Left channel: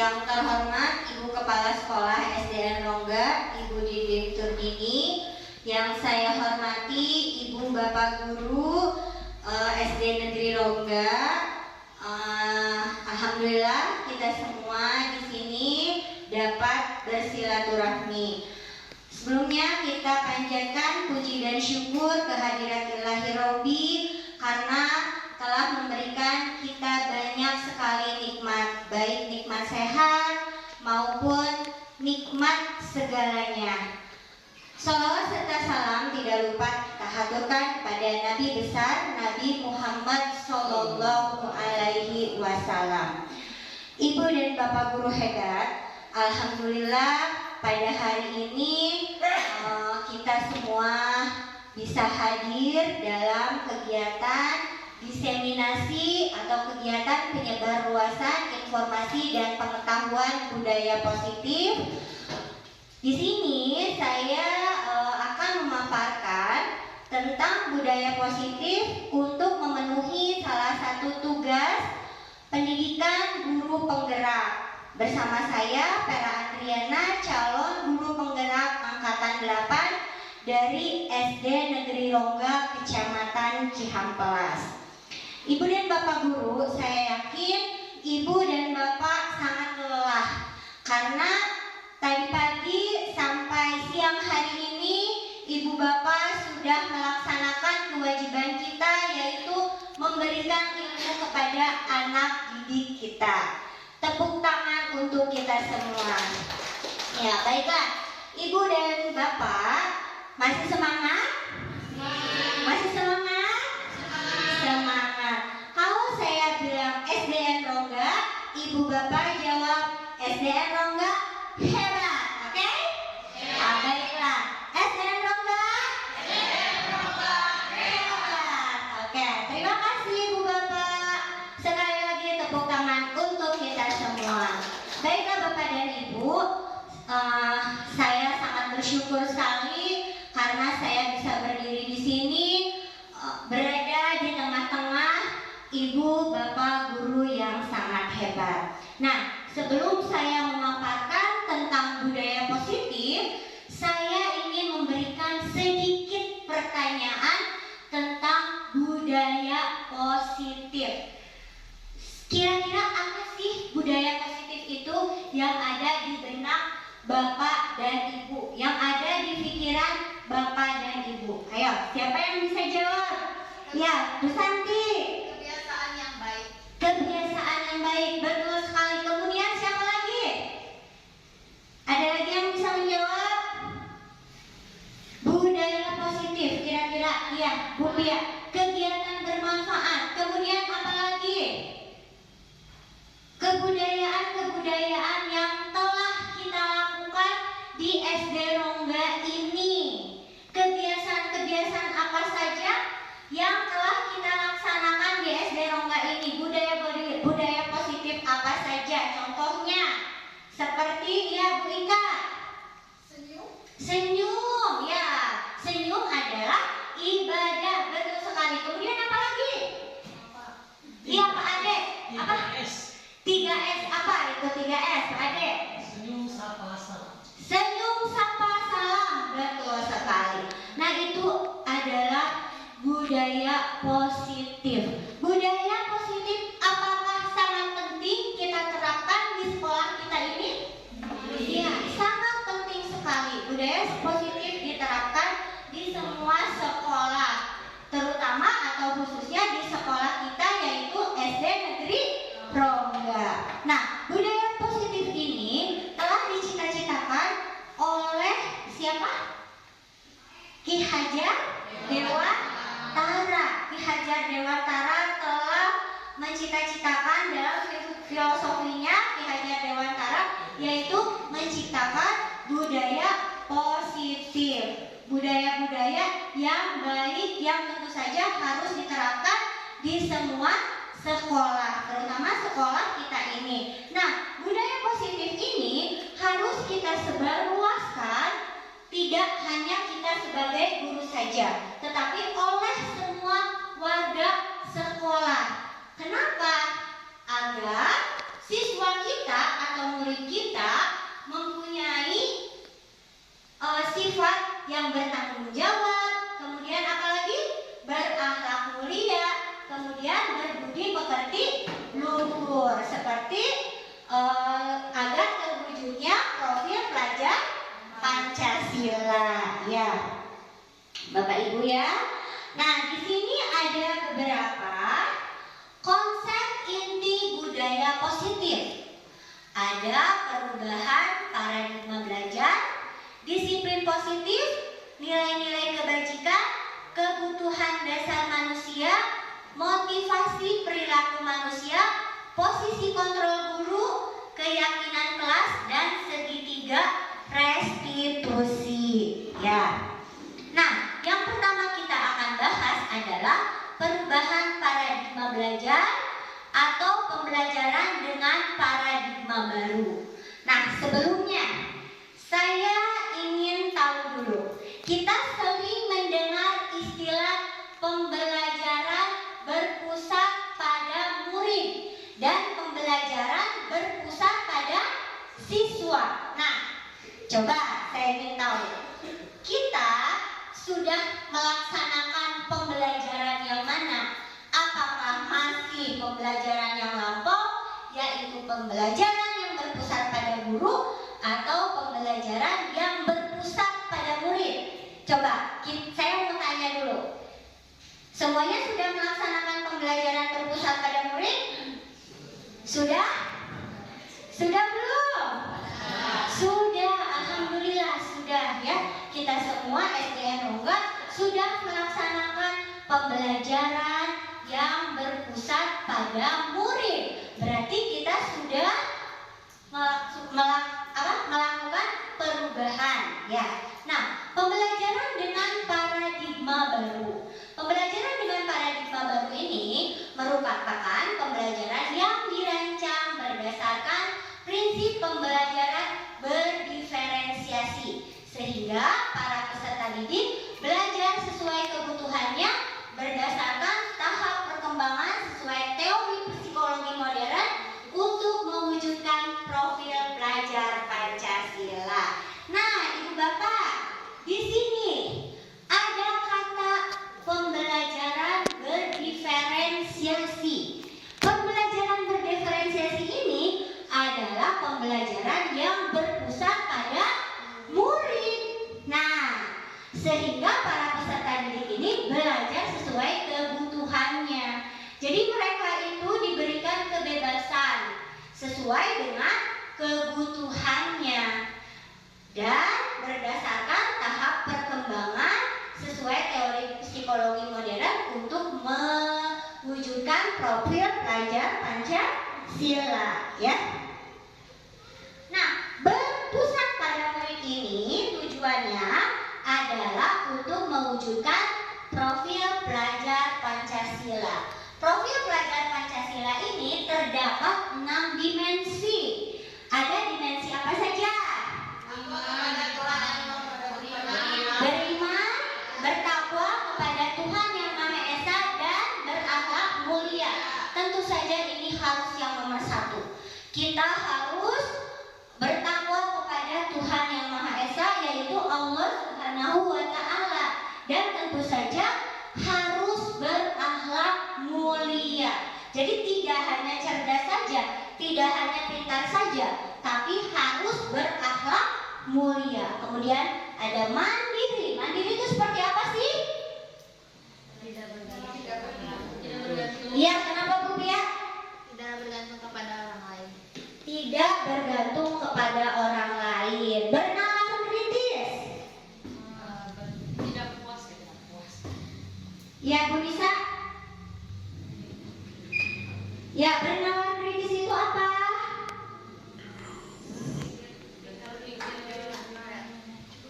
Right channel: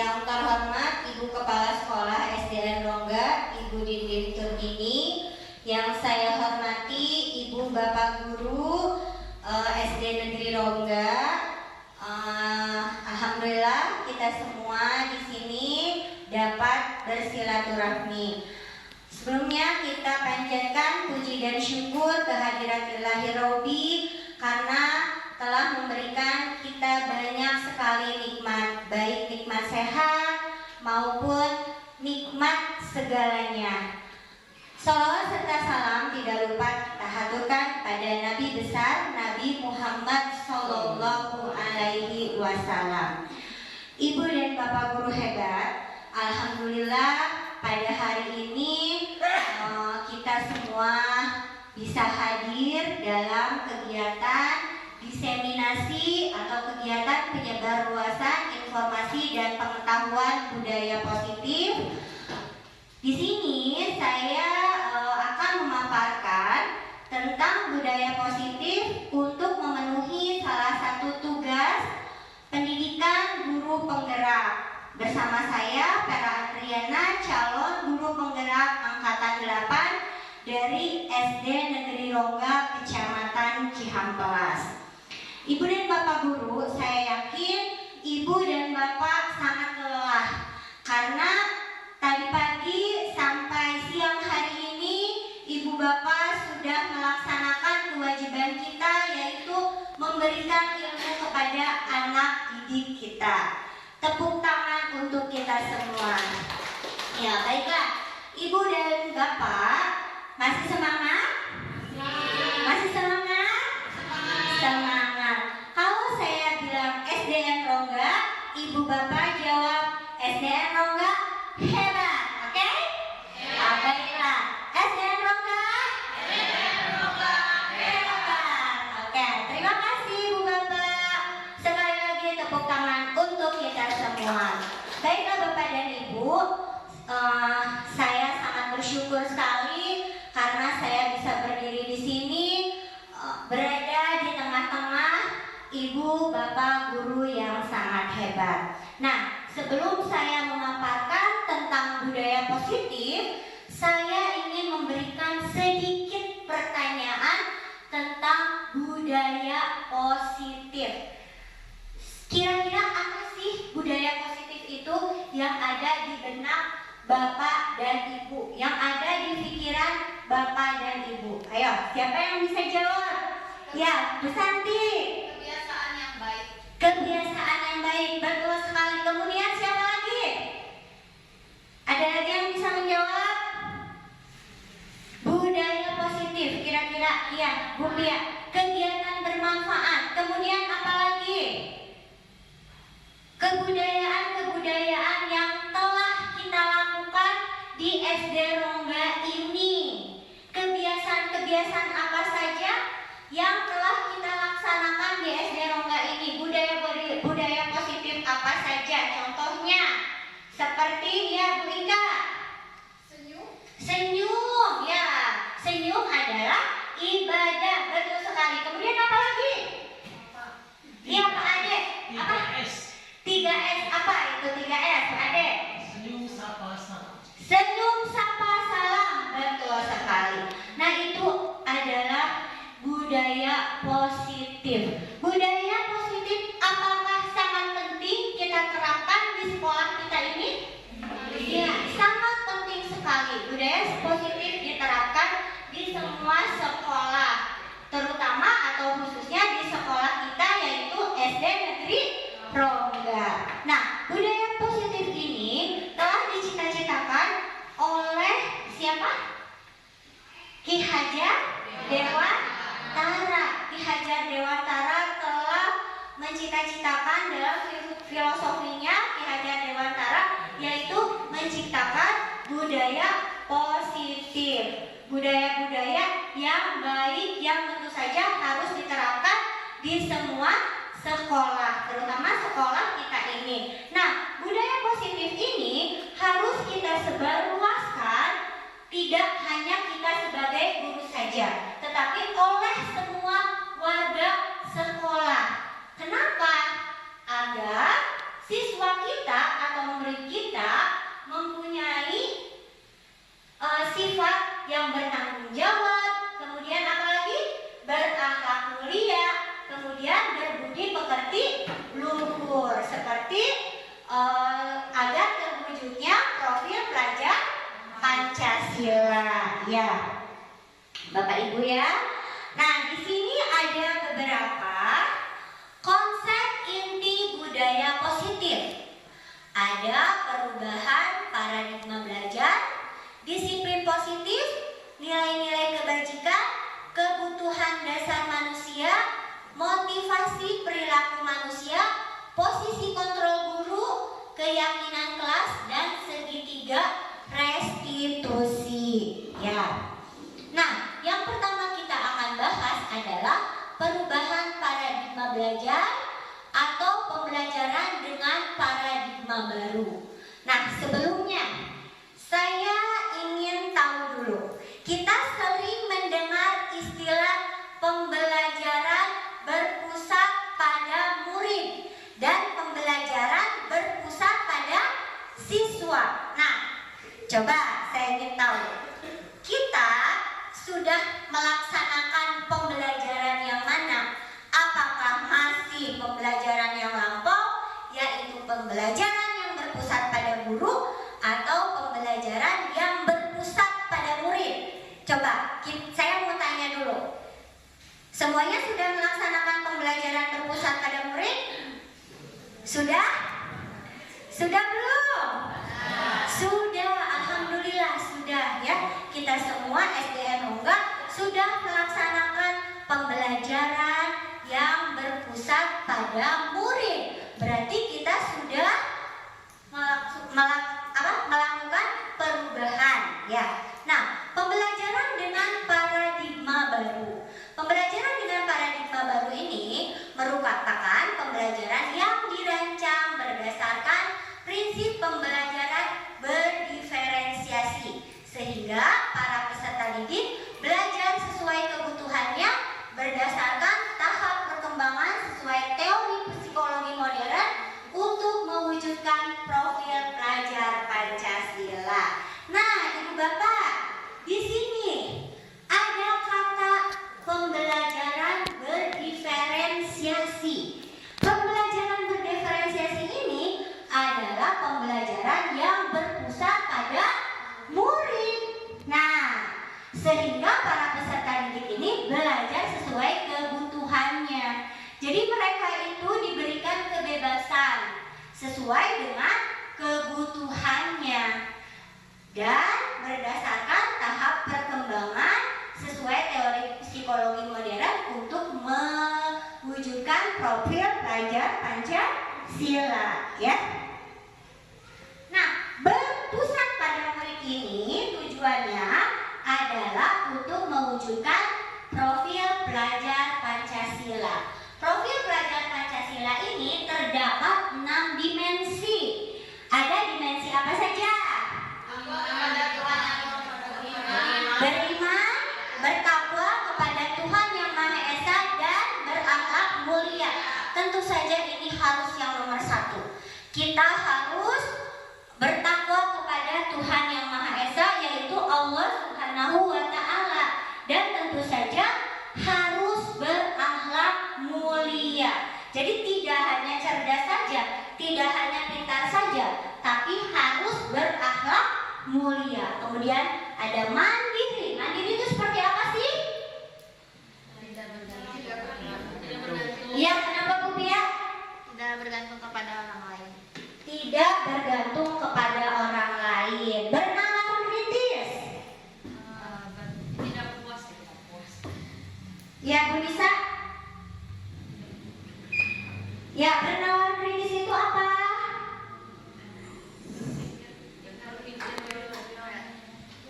Yang terhormat Ibu Kepala Sekolah SDN Rongga, Ibu Didin Turdini. Yang saya hormati Ibu Bapak Guru SD Negeri Rongga. Alhamdulillah kita semua di sini dapat bersilaturahmi. Sebelumnya kita panjatkan puji dan syukur kehadirat Ilahi Robbi karena telah memberikan kita banyak sekali nikmat, baik nikmat sehat maupun nikmat segalanya. Salawat serta salam tidak lupa kita haturkan kepada Nabi besar Nabi Muhammad Sallallahu Alaihi Wasallam. Ibu dan Bapak guru hebat, alhamdulillah pada hari ini kita semua bisa hadir dalam kegiatan diseminasi atau kegiatan penyebarluasan informasi dan pengetahuan budaya positif. Di sini saya akan memaparkan tentang budaya positif untuk memenuhi salah satu tugas pendidikan guru penggerak. Bersama saya Vera Adriana, calon guru penggerak angkatan 8 dari SD Negeri Rongga, Kecamatan Cihampelas. Ibu dan Bapak guru, saya yakin Ibu dan Bapak sangat lelah karena tadi pagi sampai siang hari ini Ibu Bapak sudah melaksanakan kewajiban kita, yaitu memberikan ilmu kepada anak didik kita. Tepuk tangan untuk kita semua. Ya, baiklah. Ibu dan Bapak masih semangat? Masih semangat? Semangat. Kalau saya bilang SDN Rongga, Ibu Bapak jawab SDN Rongga hebat, oke? Baiklah. SDN Rongga? SDN Rongga hebat. Oke, terima kasih Ibu Bapak. Sekali lagi tepuk tangan untuk kita semua. Baiklah Bapak dan Ibu, saya sangat bersyukur sekali karena saya bisa berdiri di sini, berada di tengah-tengah Ibu Bapak guru yang sangat hebat. Nah, sebelum saya memaparkan tentang budaya positif, saya ingin memberikan sedikit pertanyaan tentang budaya positif. Kira-kira apa sih budaya positif itu yang ada di benak Bapak dan Ibu, yang ada di pikiran Bapak dan Ibu? Ayo, siapa yang bisa jawab? Ya, Bu Santi. Kebiasaan yang baik. Kebiasaan yang baik, betul sekali. Kemudian siapa lagi? Ada lagi yang bisa menjawab? Budaya positif, kira-kira ya, Bu Pia. Kegiatan bermanfaat. Kemudian apa lagi? Kebudayaan-kebudayaan yang telah kita lakukan di SD Rongga ini. Kebiasaan-kebiasaan apa saja yang telah kita laksanakan di SD Rongga ini? Budaya positif apa saja? Contohnya seperti ya Bu Ika. Senyum, ya. Senyum adalah ibadah, betul sekali. Kemudian apa lagi? Iya Pak Ade. Apa? 3S apa itu 3S, Ade? Senyum, sapa, salam. Senyum, sapa, salam, betul sekali. Nah, itu adalah budaya positif. Budaya positif apakah sangat penting kita terapkan di sekolah kita ini? Ya, sangat penting sekali. Budaya positif diterapkan di semua sekolah, terutama atau khususnya di sekolah kita yaitu SD Negeri Rongga. Nah, budaya positif ini telah dicita-citakan oleh siapa? Ki Hajar Dewantara. Ki Hajar Dewantara telah mencita-citakan dalam filosofinya Ki Hajar Dewantara, yaitu menciptakan budaya positif. Budaya-budaya yang baik yang tentu saja harus diterapkan di semua sekolah, terutama sekolah kita ini. Nah, budaya positif ini harus kita sebarluaskan, tidak hanya kita sebagai guru saja, tetapi oleh semua warga sekolah. Kenapa? Agar siswa kita atau yang bertanggung jawab, kemudian apalagi berakhlak mulia, kemudian berbudi pekerti luhur, seperti agar terwujudnya profil pelajar Pancasila, ya, Bapak Ibu ya. Nah, di sini ada beberapa konsep inti budaya positif. Ada perubahan paradigma belajar, disiplin positif, nilai-nilai kebajikan, kebutuhan dasar manusia, motivasi perilaku manusia, posisi kontrol guru, keyakinan kelas, dan segitiga restitusi. Ya. Nah, yang pertama kita akan bahas adalah perubahan paradigma belajar atau pembelajaran dengan paradigma baru. Nah, sebelumnya saya ingin tahu dulu, kita sering mendengar istilah pembelajaran berpusat pada murid dan pembelajaran berpusat pada siswa. Nah, coba saya ingin tahu, kita sudah melaksanakan pembelajaran yang mana? Apakah masih pembelajaran yang lampau, yaitu pembelajaran yang berpusat pada guru, atau pembelajaran yang berpusat pada murid? Coba, saya mau tanya dulu. Semuanya sudah melaksanakan pembelajaran berpusat pada murid? Sudah? Sudah belum? Sudah, alhamdulillah sudah ya. Kita semua SDN Rongga sudah melaksanakan pembelajaran yang berpusat pada murid. Berarti kita sudah melakukan perubahan ya. Nah, pembelajaran dengan paradigma baru. Pembelajaran dengan paradigma baru ini merupakan pembelajaran yang dirancang berdasarkan prinsip pembelajaran berdiferensiasi, sehingga para peserta didik belajar sesuai kebutuhannya berdasarkan tahap perkembangan sesuai teori psikologi modern untuk mewujudkan profil pelajar Pancasila. Nah, Ibu Bapak, di sini ada kata pembelajaran berdiferensiasi. Pembelajaran berdiferensiasi ini adalah pembelajaran yang berpusat pada murid. Nah, sehingga para peserta didik ini belajar sesuai kebutuhannya. Jadi mereka itu diberikan kebebasan sesuai dengan kebutuhannya dan berdasarkan tahap perkembangan sesuai teori psikologi modern untuk mewujudkan profil pelajar Pancasila ya. Nah, berpusat pada murid ini tujuannya adalah untuk mewujudkan profil pelajar Pancasila. Profil pelajar Pancasila ini terdapat 6 dimensi. Ada dimensi apa saja? Beriman, bertakwa kepada Tuhan Yang Maha Esa, dan berakhlak mulia. Tentu saja ini harus yang nomor 1. Kita harus bertakwa kepada Tuhan Yang Maha Esa, yaitu Allah Subhanahu wa Ta'ala, dan tentu saja harus berakhlak mulia. Jadi tidak hanya cerdas saja, tidak hanya pintar saja, tapi harus berakhlak mulia. Kemudian ada mandiri. Mandiri itu seperti apa sih? Iya, kenapa Bu Pia? Tidak bergantung kepada orang lain. Tidak bergantung kepada orang lain. Bernalar kritis. Tidak puas, tidak puas. Ya, Bu Nisa. Ya, bernalar kritis itu apa?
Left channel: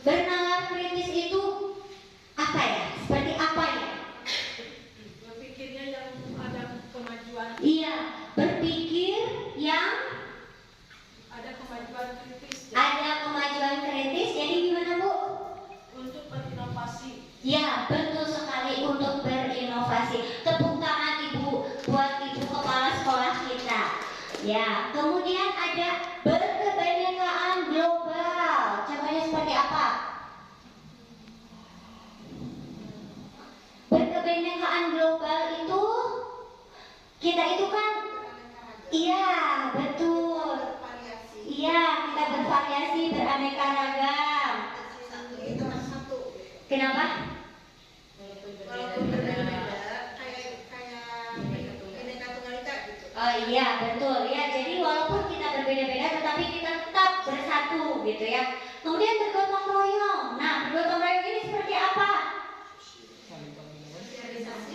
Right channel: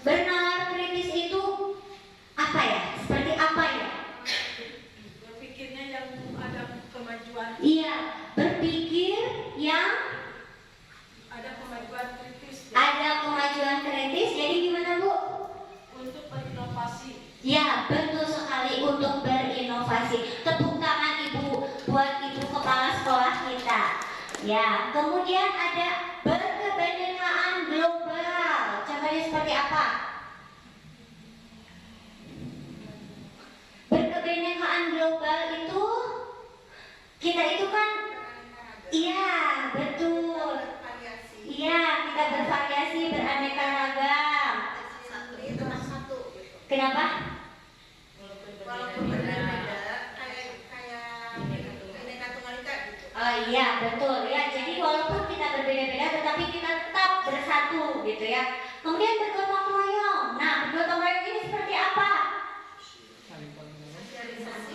Bernalar kritis itu apa ya? Seperti apa ya? Berpikirnya yang ada kemajuan. Iya, berpikir yang Ada kemajuan. Kenapa? Walaupun berbeda-beda, kayak Bhinneka Tunggal Ika gitu. Oh iya, betul ya. Jadi walaupun kita berbeda-beda tetapi kita tetap bersatu gitu ya. Kemudian bergotong royong. Nah, bergotong royong ini seperti apa?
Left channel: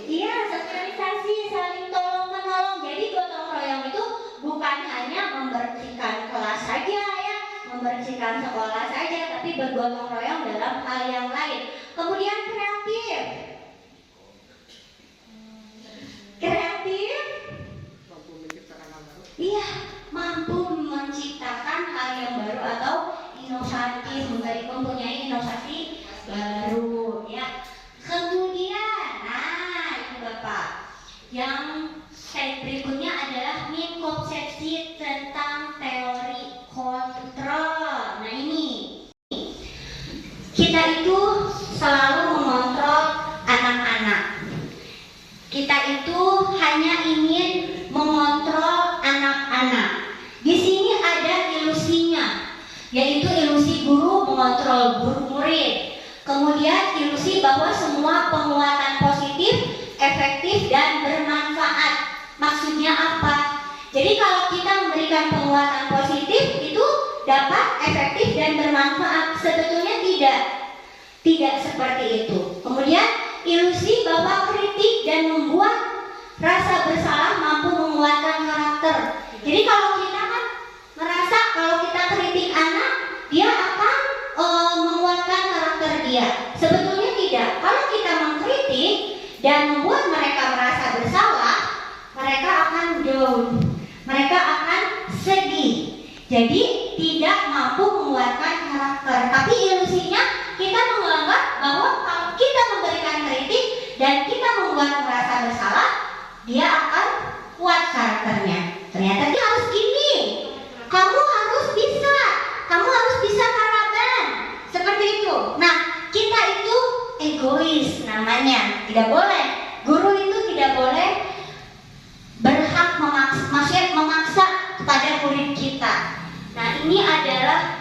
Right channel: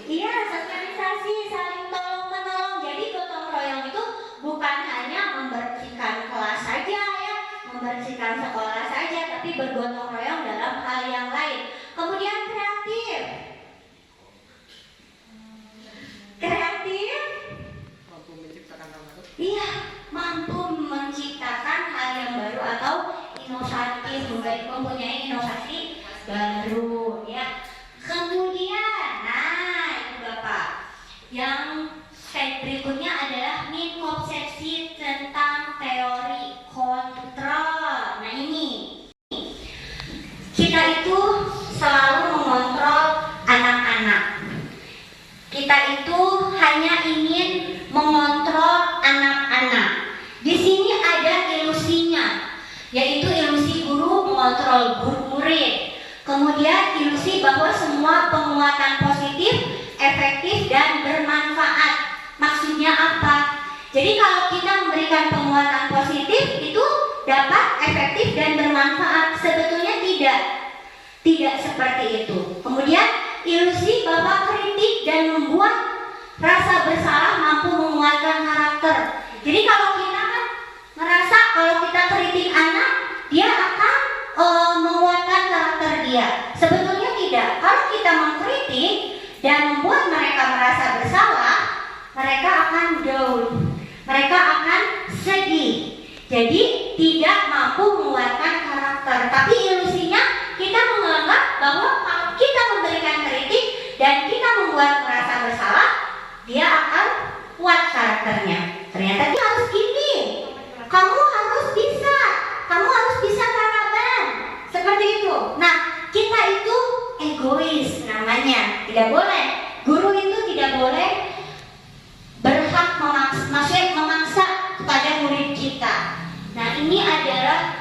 Iya, sosialisasi, saling tolong menolong. Jadi gotong royong itu bukan hanya membersihkan kelas saja ya, membersihkan sekolah saja, tapi bergotong royong dalam hal yang lain. Kemudian kreatif. Kreatif. Iya, mampu menciptakan hal yang baru atau inovatif, mempunyai inovasi baru ya. Kemudian, nah itu Bapak, yang slide berikutnya adalah minkonsepsi tentang teori kontrol. Nah ini, kita itu selalu mengontrol anak-anak. Kita itu hanya ingin mengontrol anak-anak. Di sini ada ilusinya, yaitu ilusi guru mengontrol murid. Kemudian ilusi bahwa semua penguatan positif, efektif, dan bermanfaat. Maksudnya apa? Jadi kalau kita memberikan penguatan positif itu dapat efektif dan bermanfaat. Sebetulnya tidak seperti itu. Kemudian ilusi bahwa kritik dan membuat rasa bersalah mampu menguatkan karakter. Jadi kalau kita kan merasa kalau kita kritik anak, dia akan menguatkan karakter dia. Sebetulnya tidak. Kalau kita mengkritik dan membuat mereka merasa bersalah, mereka akan down, mereka akan sedih. Jadi tidak mampu menguatkan karakter. Tapi ilusinya kita menganggap bahwa kalau kita memberikan kritik dan kita membuat merasa bersalah, dia akan kuat karakternya. Ternyata dia harus gini, kamu harus bisa karaban, seperti itu. Nah, kita itu egois namanya, tidak boleh. Guru itu tidak boleh berhak memaksa kepada murid kita. Nah, ini adalah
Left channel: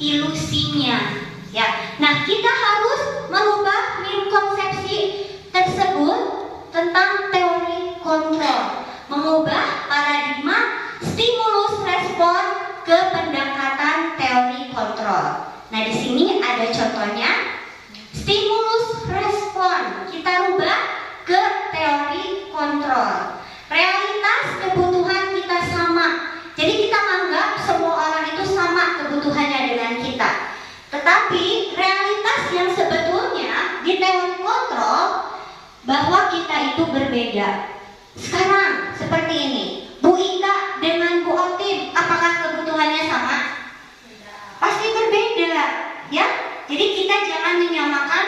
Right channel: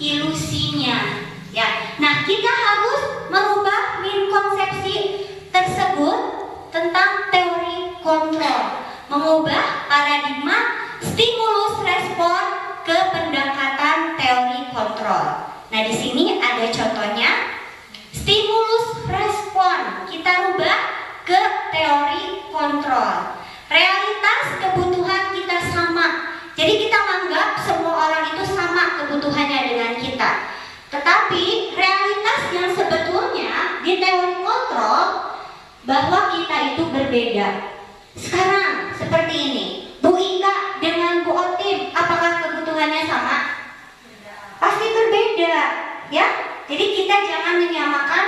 ilusinya, ya. Nah, kita harus merubah minkonsepsi tersebut tentang teori kontrol, mengubah paradigma stimulus respon ke pendekatan teori kontrol. Nah, di sini ada contohnya. Stimulus respon kita rubah ke teori kontrol. Realitas kebutuhan kita sama. Jadi kita menganggap semua orang itu sama kebutuhannya dengan kita. Tetapi realitas yang sebetulnya di teori kontrol bahwa kita itu berbeda. Sekarang seperti ini, Bu Ika dengan Bu Otim, apakah kebutuhannya sama? Pasti berbeda, ya. Jadi kita jangan menyamakan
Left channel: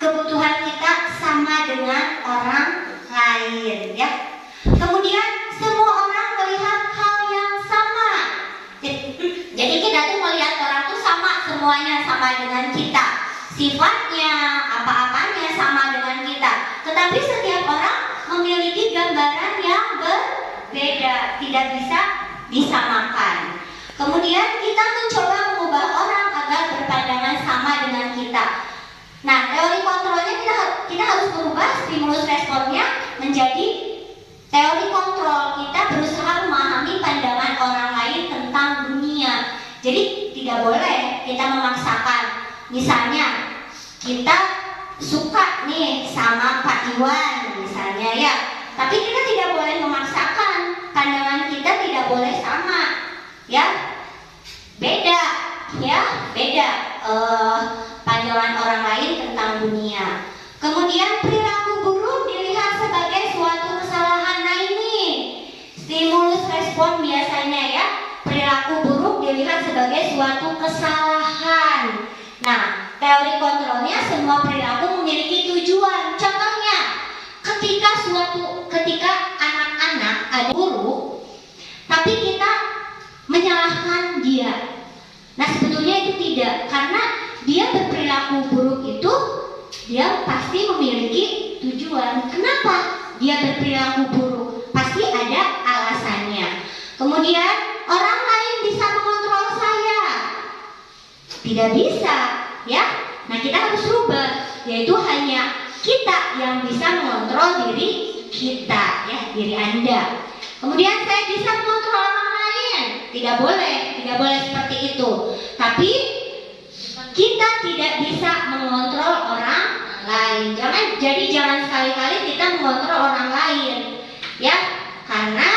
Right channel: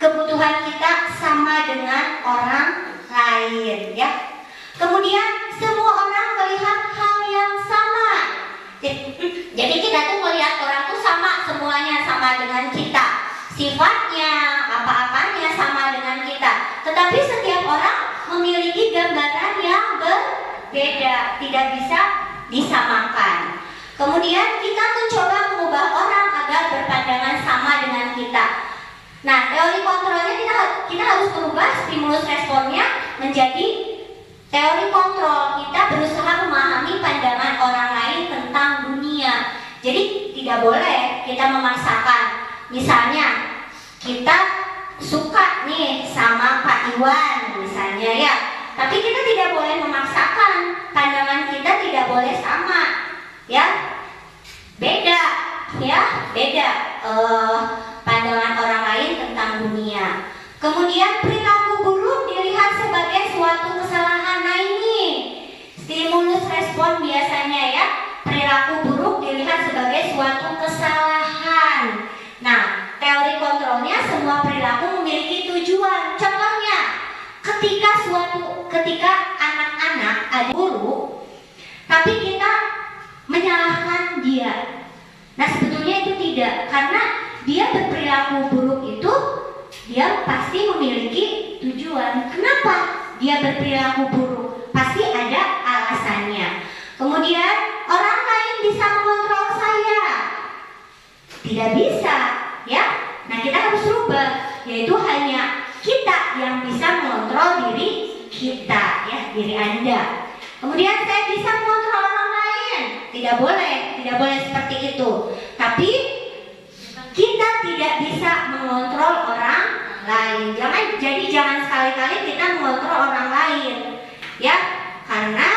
kebutuhan kita sama dengan orang lain, ya. Kemudian semua orang melihat hal yang sama. Jadi kita tuh melihat orang tuh sama, semuanya sama dengan kita. Sifatnya, apa-apanya sama dengan kita. Tetapi setiap orang memiliki gambaran yang berbeda, tidak bisa disamakan. Kemudian kita mencoba mengubah orang agar berpandangan sama dengan kita. Nah, teori kontrolnya kita harus mengubah stimulus responnya menjadi teori kontrol. Kita berusaha memahami pandangan orang lain tentang dunia. Jadi tidak boleh kita memaksakan. Misalnya kita suka nih sama Pak Iwan misalnya ya, tapi kita tidak boleh memaksakan. Pandangan kita tidak boleh sama, ya. Beda pandangan orang lain tentang dunia. Kemudian perilaku buruk dilihat sebagai suatu kesalahan. Nah ini stimulus respon biasanya ya, perilaku buruk dilihat sebagai suatu kesalahan. Nah, teori kontrolnya semua perilaku memiliki tujuan. Contohnya, ketika anak-anak ada guru, tapi kita menyalahkan dia. Nah, sebetulnya itu tidak, karena dia berperilaku buruk itu dia pasti memiliki tujuan. Kenapa dia berperilaku buruk? Pasti ada alasannya. Kemudian orang lain bisa mengontrol saya. Tidak bisa, ya. Nah, kita harus rubah. yaitu hanya kita yang bisa mengontrol diri kita, ya, diri Anda. Kemudian saya bisa mengontrol orang lain, tidak boleh seperti itu. Tapi kita tidak bisa mengontrol orang lain. Jangan sekali-kali kita mengontrol orang lain, ya, karena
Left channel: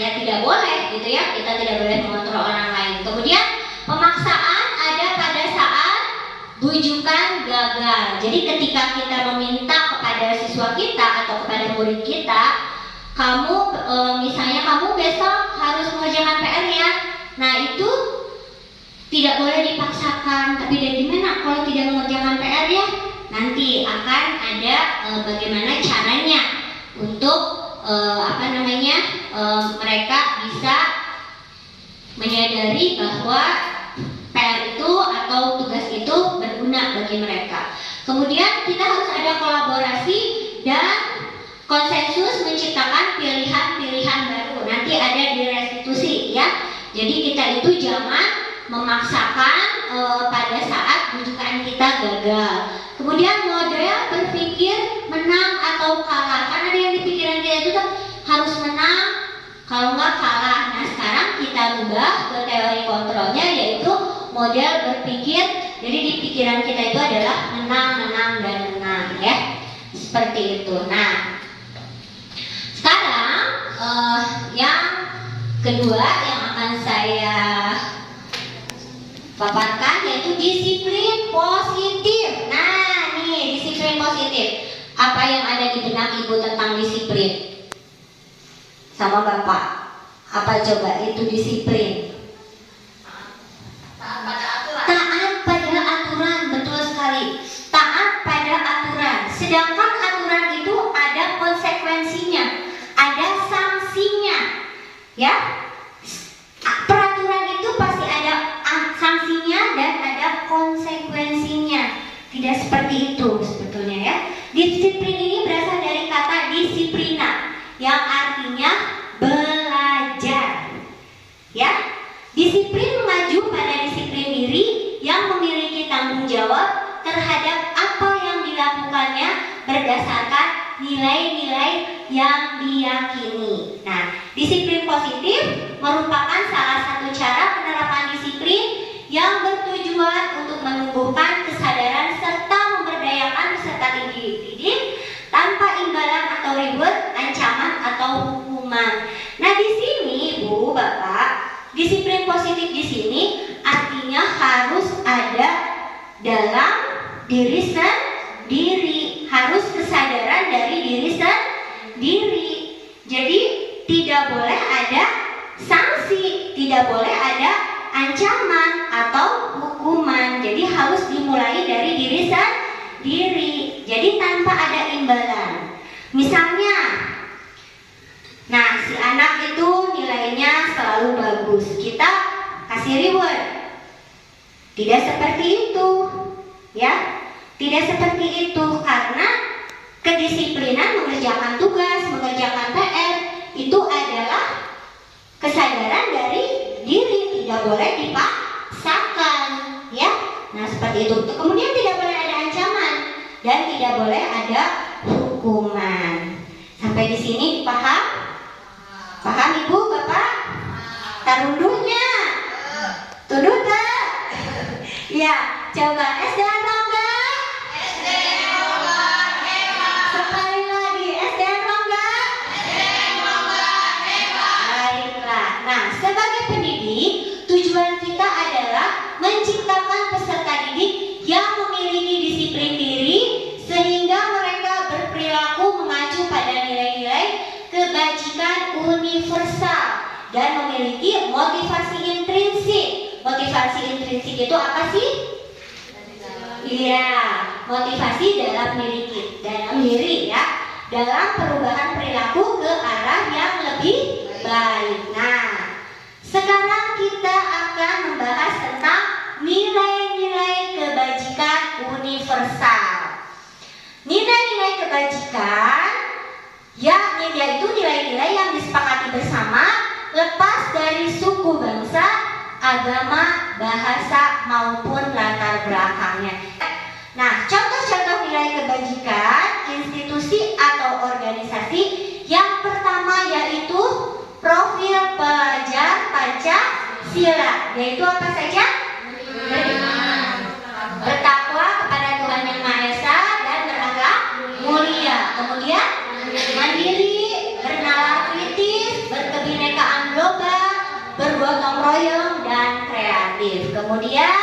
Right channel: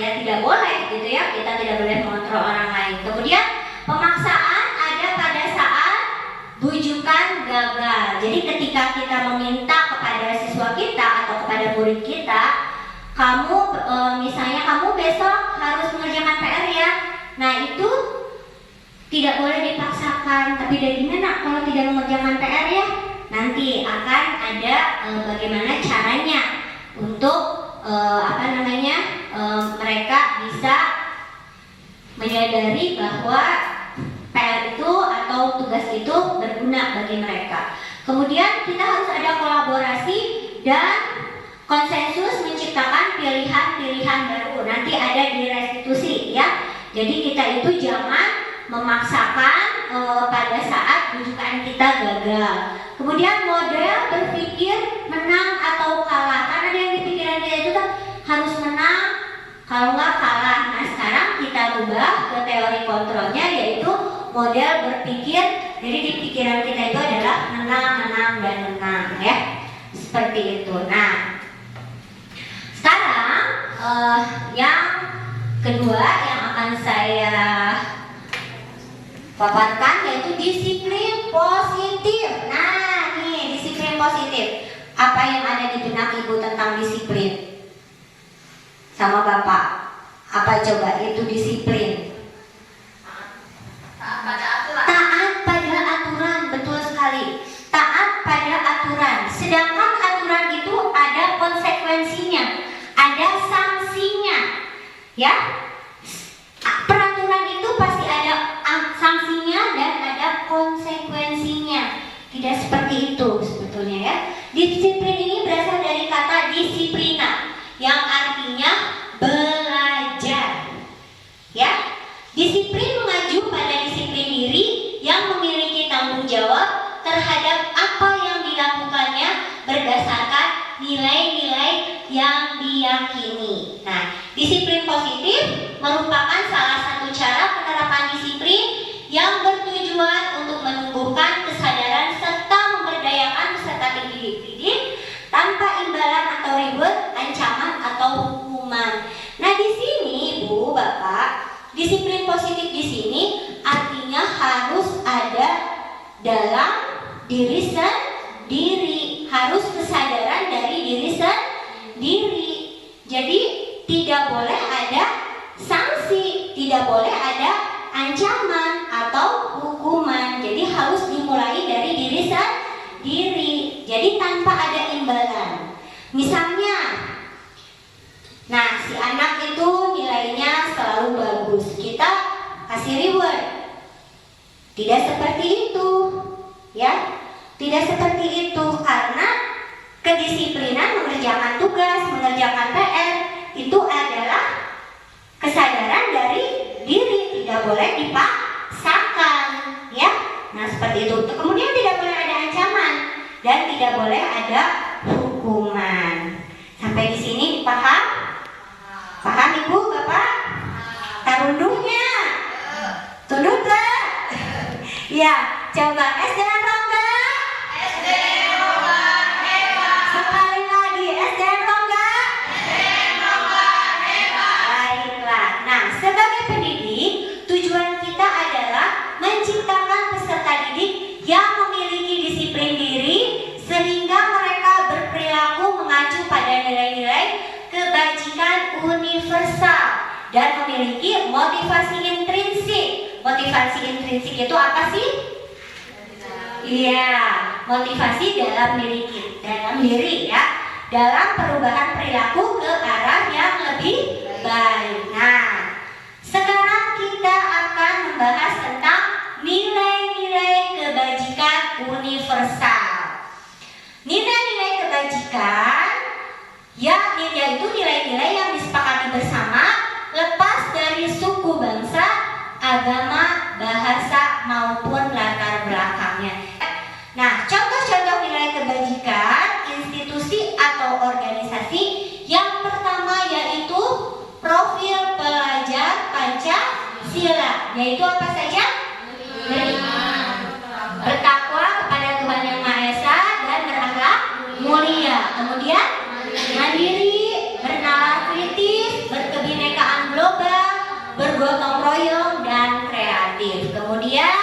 ya tidak boleh gitu ya, kita tidak boleh mengontrol orang lain. Kemudian pemaksaan ada pada saat bujukan gagal. Jadi ketika kita meminta kepada siswa kita atau kepada murid kita, misalnya kamu besok harus mengerjakan PR ya. Nah itu tidak boleh dipaksakan. Tapi dari gimana kalau tidak mengerjakan PR ya? Nanti akan ada bagaimana caranya untuk mereka bisa menyadari bahwa PR itu atau tugas itu berguna bagi mereka. Kemudian kita harus ada kolaborasi dan konsensus menciptakan pilihan-pilihan baru. Nanti ada di restitusi, ya. Jadi kita itu jangan memaksakan pada saat rujukan kita gagal. Kemudian model berpikir menang atau kalah. Karena ada yang di pikiran kita itu kan harus menang, kalau nggak kalah. Nah sekarang kita rubah ke teori kontrolnya, yaitu model berpikir. Jadi di pikiran kita itu adalah menang, dan menang, ya. Seperti itu. Nah sekarang yang kedua yang akan saya paparkan yaitu disiplin positif. Nah, nih disiplin positif. Apa yang ada di benak Ibu tentang disiplin? Sama Bapak. Apa coba itu disiplin? Taat pada aturan. Taat pada aturan, betul sekali. Taat pada aturan. Sedangkan aturan itu ada konsekuensinya, ada sanksinya. Ya? Peraturan itu pasti ada sanksinya dan ada konsekuensinya. Tidak seperti itu sebetulnya, ya. Disiplin ini berasal dari kata disiplina yang artinya belajar. Ya. Disiplin mengacu pada disiplin diri yang memiliki tanggung jawab terhadap apa yang dilakukannya berdasarkan nilai-nilai yang diyakini. Nah, disiplin positif merupakan salah satu cara penerapan disiplin yang bertujuan untuk menumbuhkan kesadaran serta memberdayakan peserta didik tanpa imbalan atau reward, ancaman atau hukuman. Nah, di sini Bu, Bapak, disiplin positif di sini artinya harus ada dalam diri sendiri, harus kesadaran dari diri sendiri. Jadi tidak boleh ada sanksi, tidak boleh ada ancaman atau hukuman. Jadi harus dimulai dari diri sendiri. Jadi tanpa ada imbalan. Misalnya, nah si anak itu nilainya selalu bagus, kita kasih reward. Tidak seperti itu, ya. Tidak seperti itu, karena kedisiplinan mengerjakan tugas, mengerjakan PR itu adalah kesadaran dari diri, tidak boleh dipaksakan, ya. Nah seperti itu. Kemudian tidak boleh ada ancaman dan tidak boleh ada hukuman. Sampai di sini paham? Paham Ibu, Bapak? Tarunduhnya, tunduk tak? Ya, coba S dan Rongga. Sekali lagi S dan Rongga. Baiklah. Nah, sebagai pendidik, tujuan kita adalah menciptakan peserta didik yang memiliki disiplin diri sehingga mereka berperilaku mengacu pada nilai-nilai kebajikan universal dan memiliki motivasi intrinsik. Motivasi intrinsik itu apa sih? Iya, motivasi dalam diri ya, dalam perubahan perilaku ke arah yang lebih baik. Nah, sekarang kita akan membahas tentang nilai-nilai kebajikan universal. Nilai-nilai kebajikan yaitu nilai-nilai yang disepakati bersama lepas dari suku bangsa, agama, bahasa maupun latar belakang. Nah, contoh-contoh nilai kebajikan institusi atau organisasi yang pertama yaitu profil pelajar Pancasila, yaitu apa saja? Bertakwa kepada Tuhan Yang Maha Esa dan beragama mulia. Kemudian mandiri, bernalar kritis, berkebinekaan global, bergotong royong dan kreatif. Kemudian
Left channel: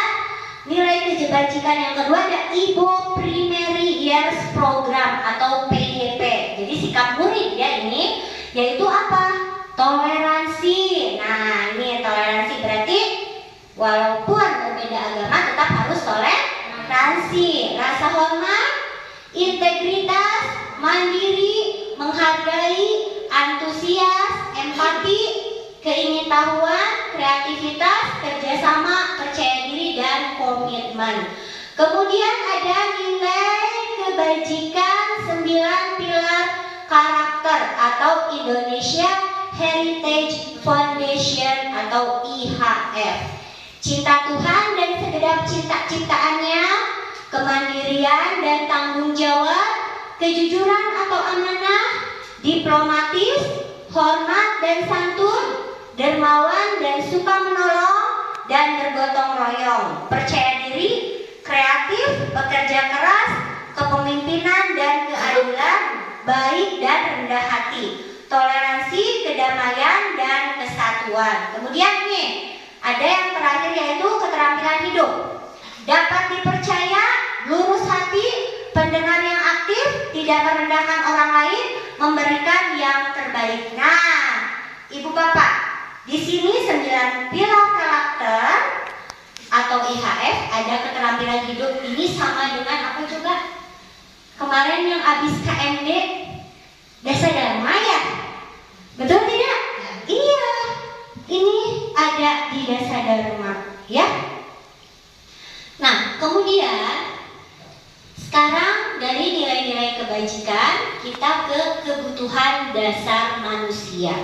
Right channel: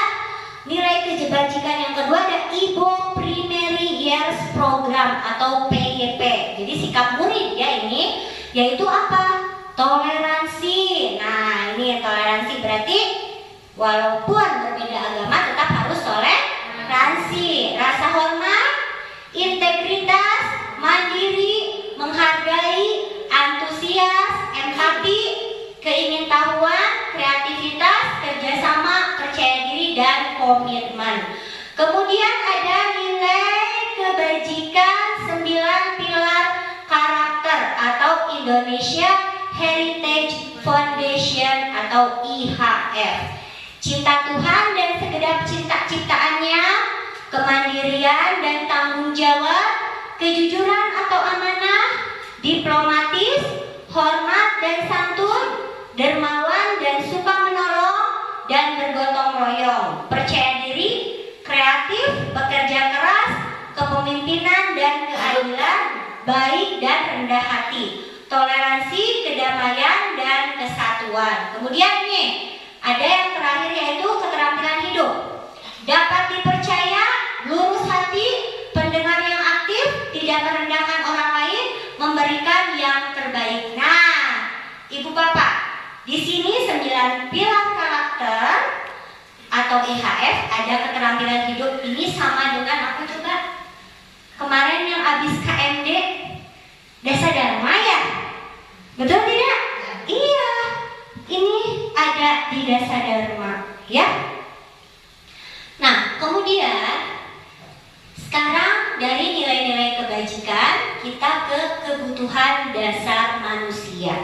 nilai kebajikan yang kedua ada IBO Primary Years Program atau PYP. Jadi sikap murid ya ini, yaitu apa? Toleransi. Nah, ini toleransi berarti walaupun berbeda agama tetap harus toleransi. Rasa hormat, integritas, mandiri, menghargai, antusias, empati, keingintahuan, kreativitas, kerjasama, percaya diri, dan komitmen. Kemudian ada nilai kebajikan 9 pilar karakter atau Indonesia Heritage Foundation atau IHF. Cinta Tuhan dan segenap ciptaannya, kemandirian dan tanggung jawab, kejujuran atau amanah, diplomatis, hormat dan santun, dermawan dan suka menolong dan bergotong royong, percaya diri, kreatif, bekerja keras, kepemimpinan dan keadilan, baik dan rendah hati, toleransi, kedamaian dan kesatuan. Kemudian nih, ada yang terakhir yaitu keterampilan hidup. Dapat dipercaya, lurus hati, pendengar yang aktif, tidak merendahkan orang lain, memberikan yang terbaik. Nah, Ibu Bapak, di sini 9 pilar karakter atau IHF ada keterampilan hidup. Ini sama dengan apa juga? Kemarin yang habis KMD Dasa Dharma ya? Betul tidak? Iya. Ini ada di Dasa Dharma, ya. Nah, kemudian sekarang dari nilai-nilai kebajikan kita ke kebutuhan dasar manusia.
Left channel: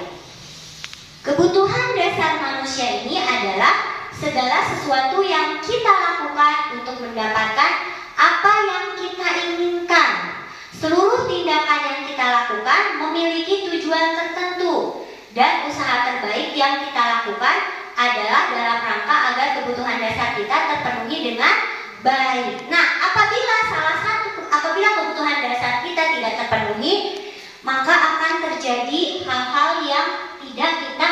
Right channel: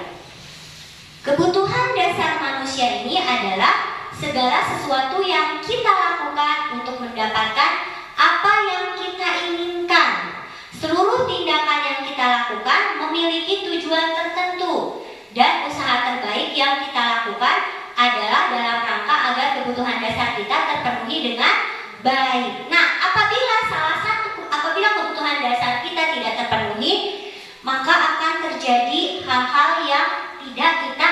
Kebutuhan dasar manusia ini adalah segala sesuatu yang kita lakukan untuk mendapatkan apa yang kita inginkan. Seluruh tindakan yang kita lakukan memiliki tujuan tertentu dan usaha terbaik yang kita lakukan adalah dalam rangka agar kebutuhan dasar kita terpenuhi dengan baik. Nah, apabila kebutuhan dasar kita tidak terpenuhi, maka akan terjadi hal-hal yang tidak kita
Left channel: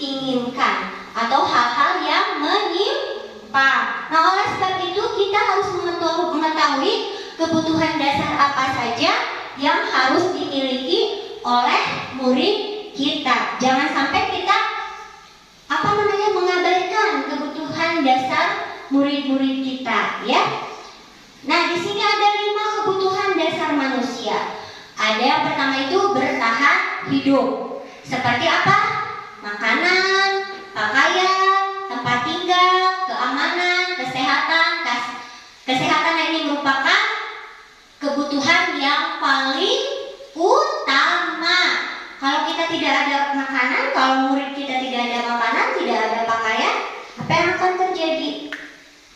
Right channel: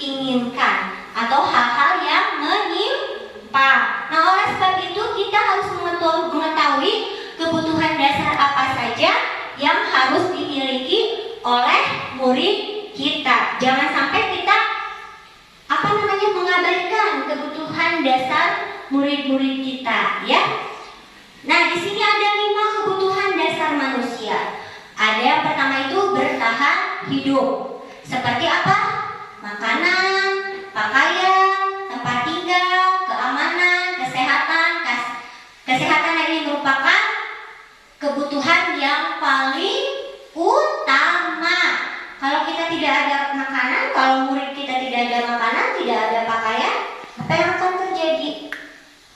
inginkan atau hal-hal yang menyimpang. Nah, oleh sebab itu kita harus mengetahui kebutuhan dasar apa saja yang harus dimiliki oleh murid kita. Jangan sampai kita mengabaikan kebutuhan dasar murid-murid kita, ya. Nah, di sini ada 5 kebutuhan dasar manusia. Ada yang pertama itu bertahan hidup. Seperti apa? Makanan, pakaian, tempat tinggal, keamanan, kesehatan. Kesehatan ini merupakan kebutuhan yang paling utama. Kalau kita tidak ada makanan, kalau murid kita tidak ada makanan, tidak ada pakaian, apa yang akan terjadi?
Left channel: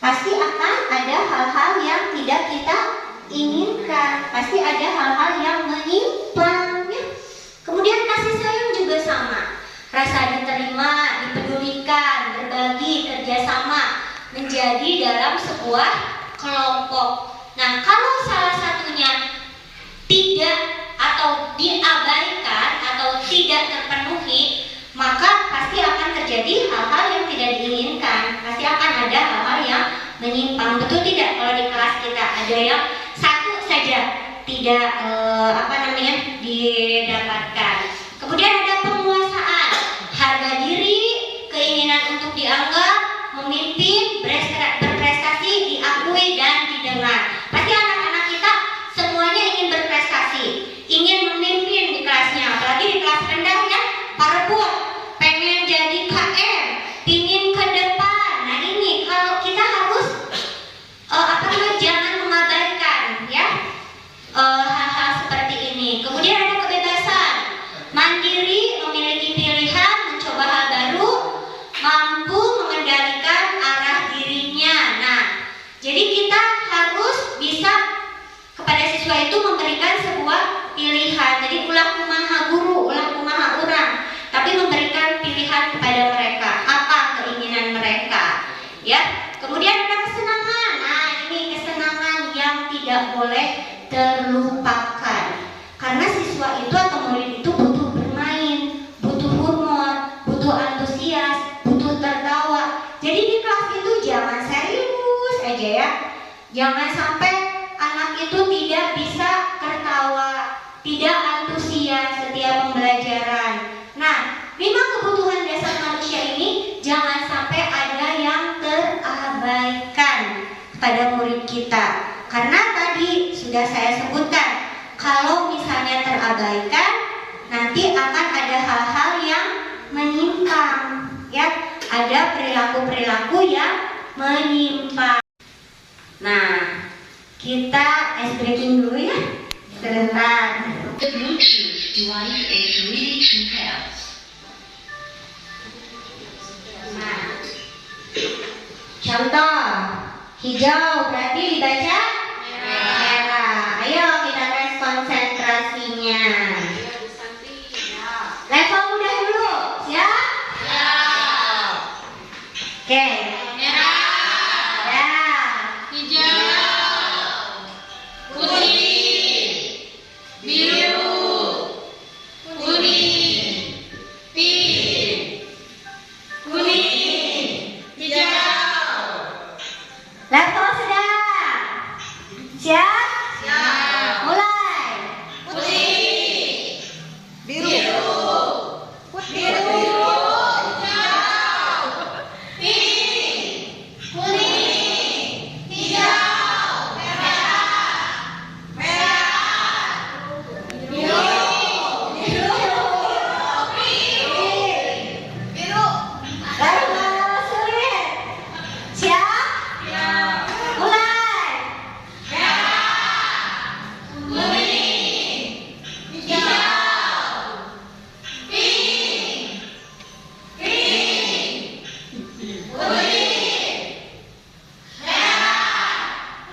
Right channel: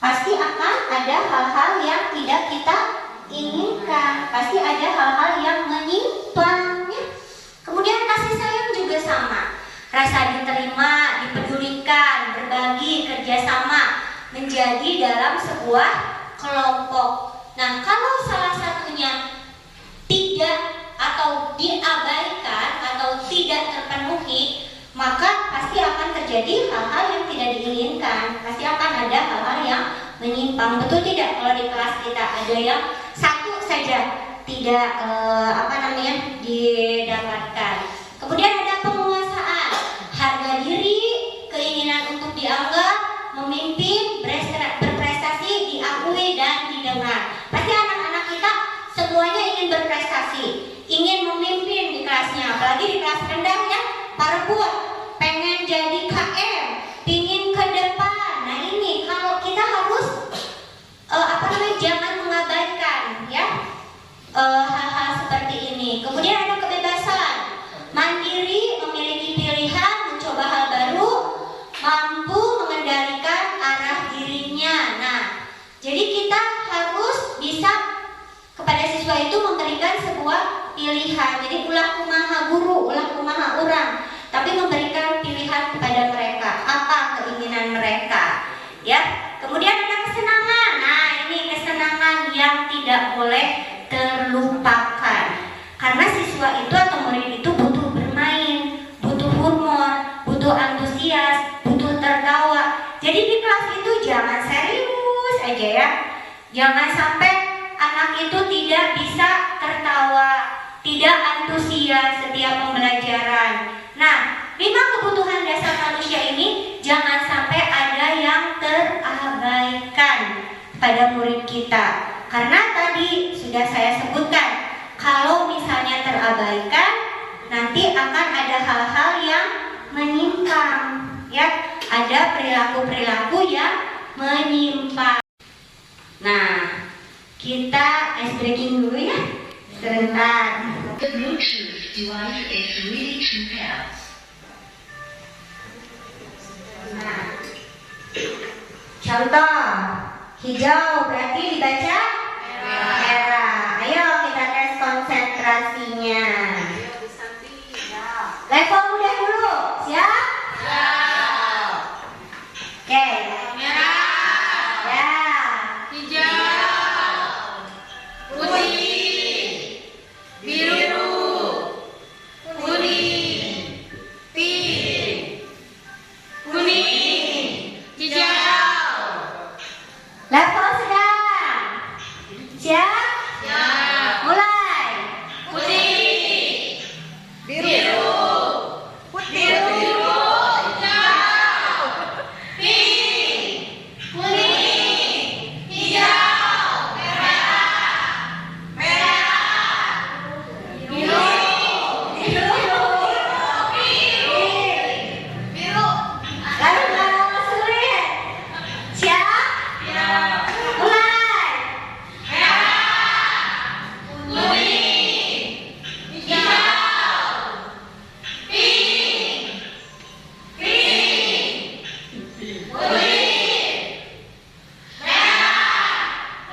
Pasti akan ada hal-hal yang tidak kita inginkan. Pasti ada hal-hal yang menyimpang, ya. Kemudian kasih sayang juga sama. Rasa diterima, dipedulikan, berbagi, kerjasama, menjadi dalam sebuah kelompok. Nah, kalau salah satunya tidak atau diabaikan atau tidak terpenuhi, maka pasti akan terjadi hal-hal yang tidak diinginkan. Pasti akan ada hal-hal yang menyimpang. Betul tidak? Kalau di kelas kita ada yang satu saja tidak didapatkan. Kemudian ada penguasaan, harga diri, keinginan untuk dianggap, memimpin, berprestasi, diakui dan didengar. Pasti anak-anak kita semuanya ingin berprestasi, ingin memimpin di kelasnya, apalagi di kelas rendah ya, para buah pengen jadi KM, ingin ke depan. Nah, ini kalau kita harus jangan mengabaikan ya hal-hal seperti ini. Kemudian ada kebebasan, ya. Kemudian ada kesenangan. Nah, ini kesenangan yang tidak boleh terlupakan. Karena siswa itu atau murid itu butuh bermain, butuh humor, butuh antusias, butuh tertawa. Jadi di kelas itu jangan serius aja ya. Jangan sampai anak itu tidak bisa tertawa, tidak antusias setiap pembelajaran. Nah, 5 kebutuhan dasar manusia ini jangan sampai ada yang terabaikan pada murid kita. Karena tadi sudah saya sebutkan, kalau misalnya terabaikan, nanti akan ada hal-hal yang menyimpang, ya. Ada perilaku-perilaku yang menyimpang. Nah, kita ice breaking dulu ya, sebentar. The Bluetooth device is ready to pair. Nah, contoh hijau berarti dibaca merah. Ayo kita tes konsentrasinya. Level mudah dulu, siap? Oke. Merah, Ya. hijau, putih, biru, kuning, pink, kuning, hijau. Level sedang. Siap? Siap. Mulai. Putih, Biru. biru, Putih. hijau, pink, kuning, hijau, merah, biru, biru. Level sulit. Siap? Mulai. Kuning, hijau, pink, kuning, merah,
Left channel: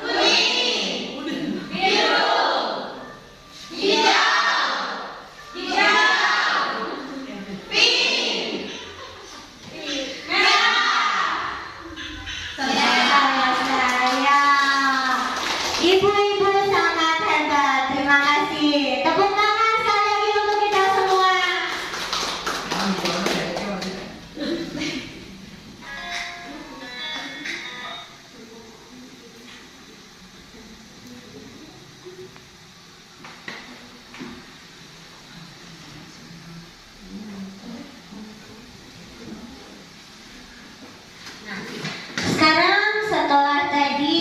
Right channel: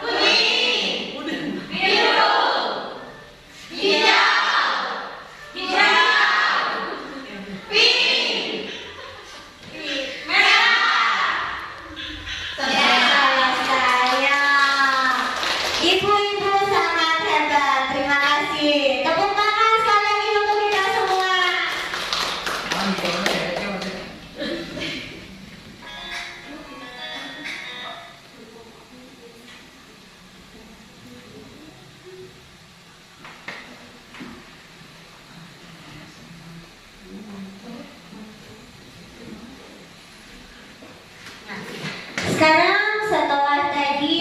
kuning, biru, hijau, pink, merah. Saya. Ibu-ibu sangat hebat. Terima kasih. Tepuk tangan sekali lagi untuk kita semua. Sekarang setelah tadi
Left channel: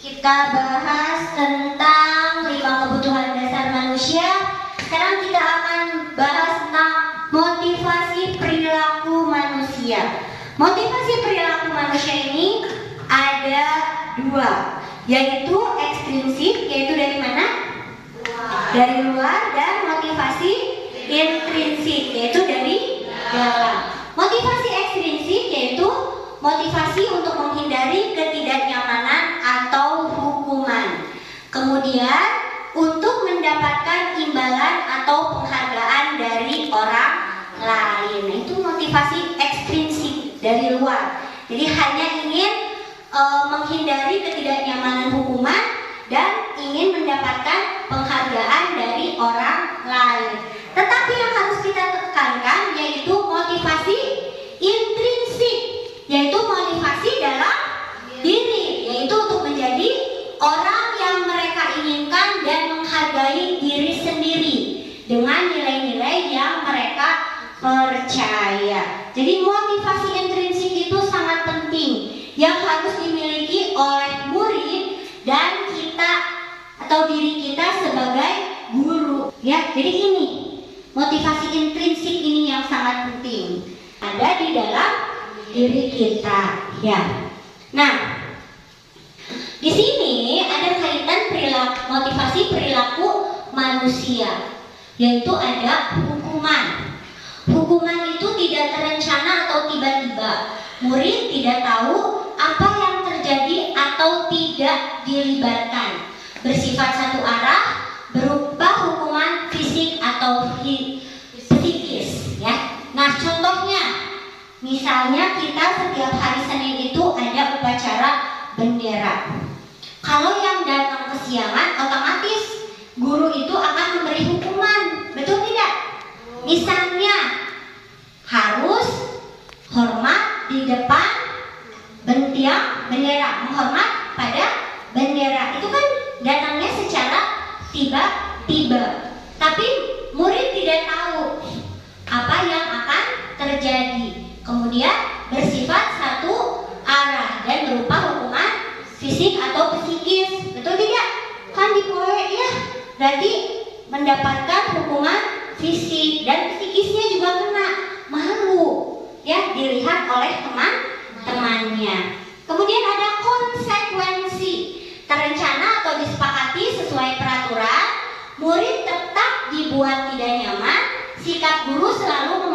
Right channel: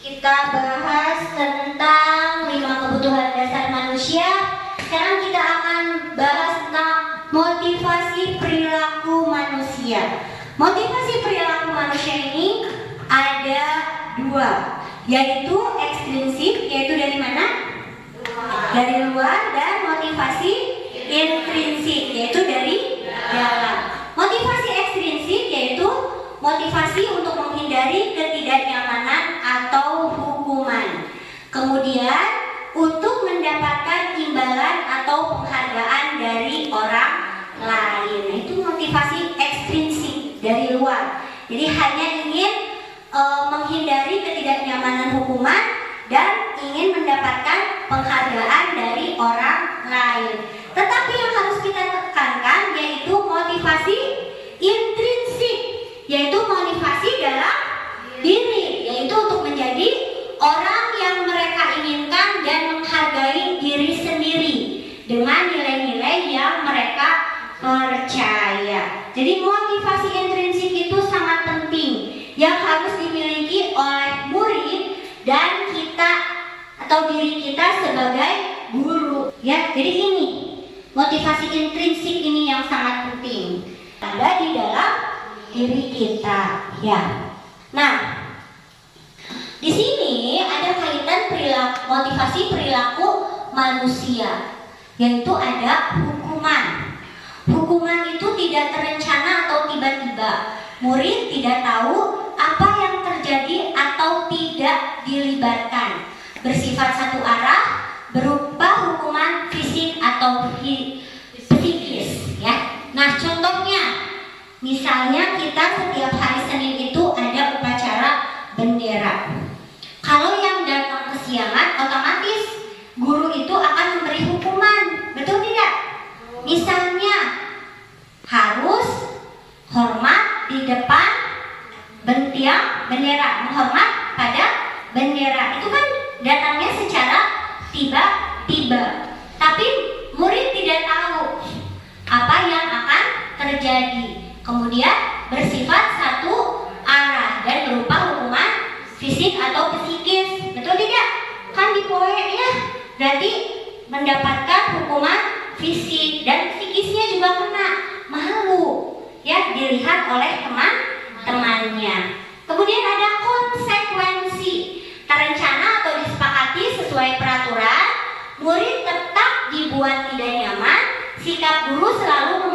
kita bahas tentang 5 kebutuhan dasar manusia. Sekarang kita akan bahas tentang motivasi perilaku manusia. Motivasi perilaku manusia ini ada 2, yaitu ekstrinsik, yaitu dari mana? Dari luar, dan motivasi intrinsik, yaitu dari dalam. Motivasi ekstrinsik yaitu motivasi untuk menghindari ketidaknyamanan atau hukuman. Kemudian untuk mendapatkan imbalan atau penghargaan dari orang lain. Itu motivasi ekstrinsik dari luar. Jadi hanya ingin menghindari ketidaknyamanan hukuman dan ingin mendapatkan penghargaan dari orang lain. Tetapi yang harus kita tekankan yaitu motivasi intrinsik, yaitu motivasi dalam diri, yaitu untuk menjadi orang yang mereka inginkan dan menghargai diri sendiri dengan nilai-nilai yang mereka percaya. Jadi motivasi intrinsik itu sangat penting yang harus dimiliki oleh murid dan kita atau diri kita sebagai guru. Ya, jadi ini motivasi intrinsik ini yang sangat penting ada di dalam diri kita. Ya. Nah, di sini ada kaitan motivasi perilaku manusia, yaitu ada hukuman. Hukuman itu tidak terencana atau tiba-tiba. Murid tidak tahu apa yang terjadi atau tidak dilibatkan. Bersifat satu arah, berupa hukuman fisik atau psikis. Ya. Nah, contohnya Misalnya kita setiap hari Senin itu ada upacara bendera. Kalau yang datang kesiangan, otomatis guru itu akan memberi hukuman. Betul tidak? Misalnya harus hormat di depan tiang bendera, menghormat pada bendera. Itu kan datangnya secara tiba-tiba. Tapi murid tidak tahu apa yang akan terjadi. Kemudian bersifat satu arah dan berupa hukuman fisik atau psikis. Betul tidak? Kan di poe ya. Berarti mendapatkan hukuman fisik dan psikisnya juga kena. Malu ya dilihat oleh teman-temannya. Kemudian ada konsekuensi. Terencana atau disepakati sesuai peraturan, murid tetap dibuat tidak nyaman. Sikap guru selalu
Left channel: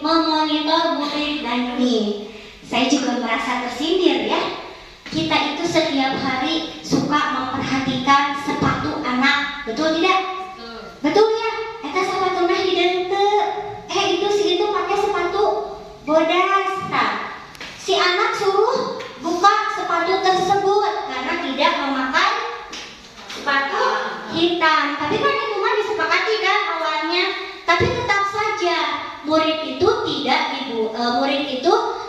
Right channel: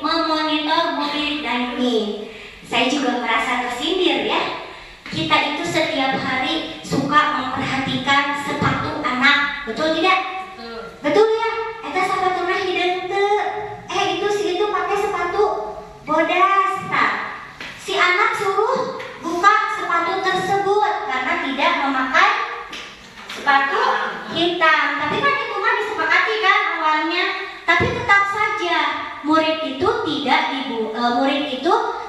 memonitor murid dan ini. Saya juga merasa tersindir ya. Kita itu setiap hari suka memperhatikan sepatu anak. Betul tidak? Betul ya? Eta sepatu nah hideung teu. Itu si itu pakai sepatu bodas. Nah, si anak suruh buka sepatu tersebut karena tidak memakai sepatu hitam. Tapi kan itu mah disepakati kan awalnya. Tapi tetap saja murid itu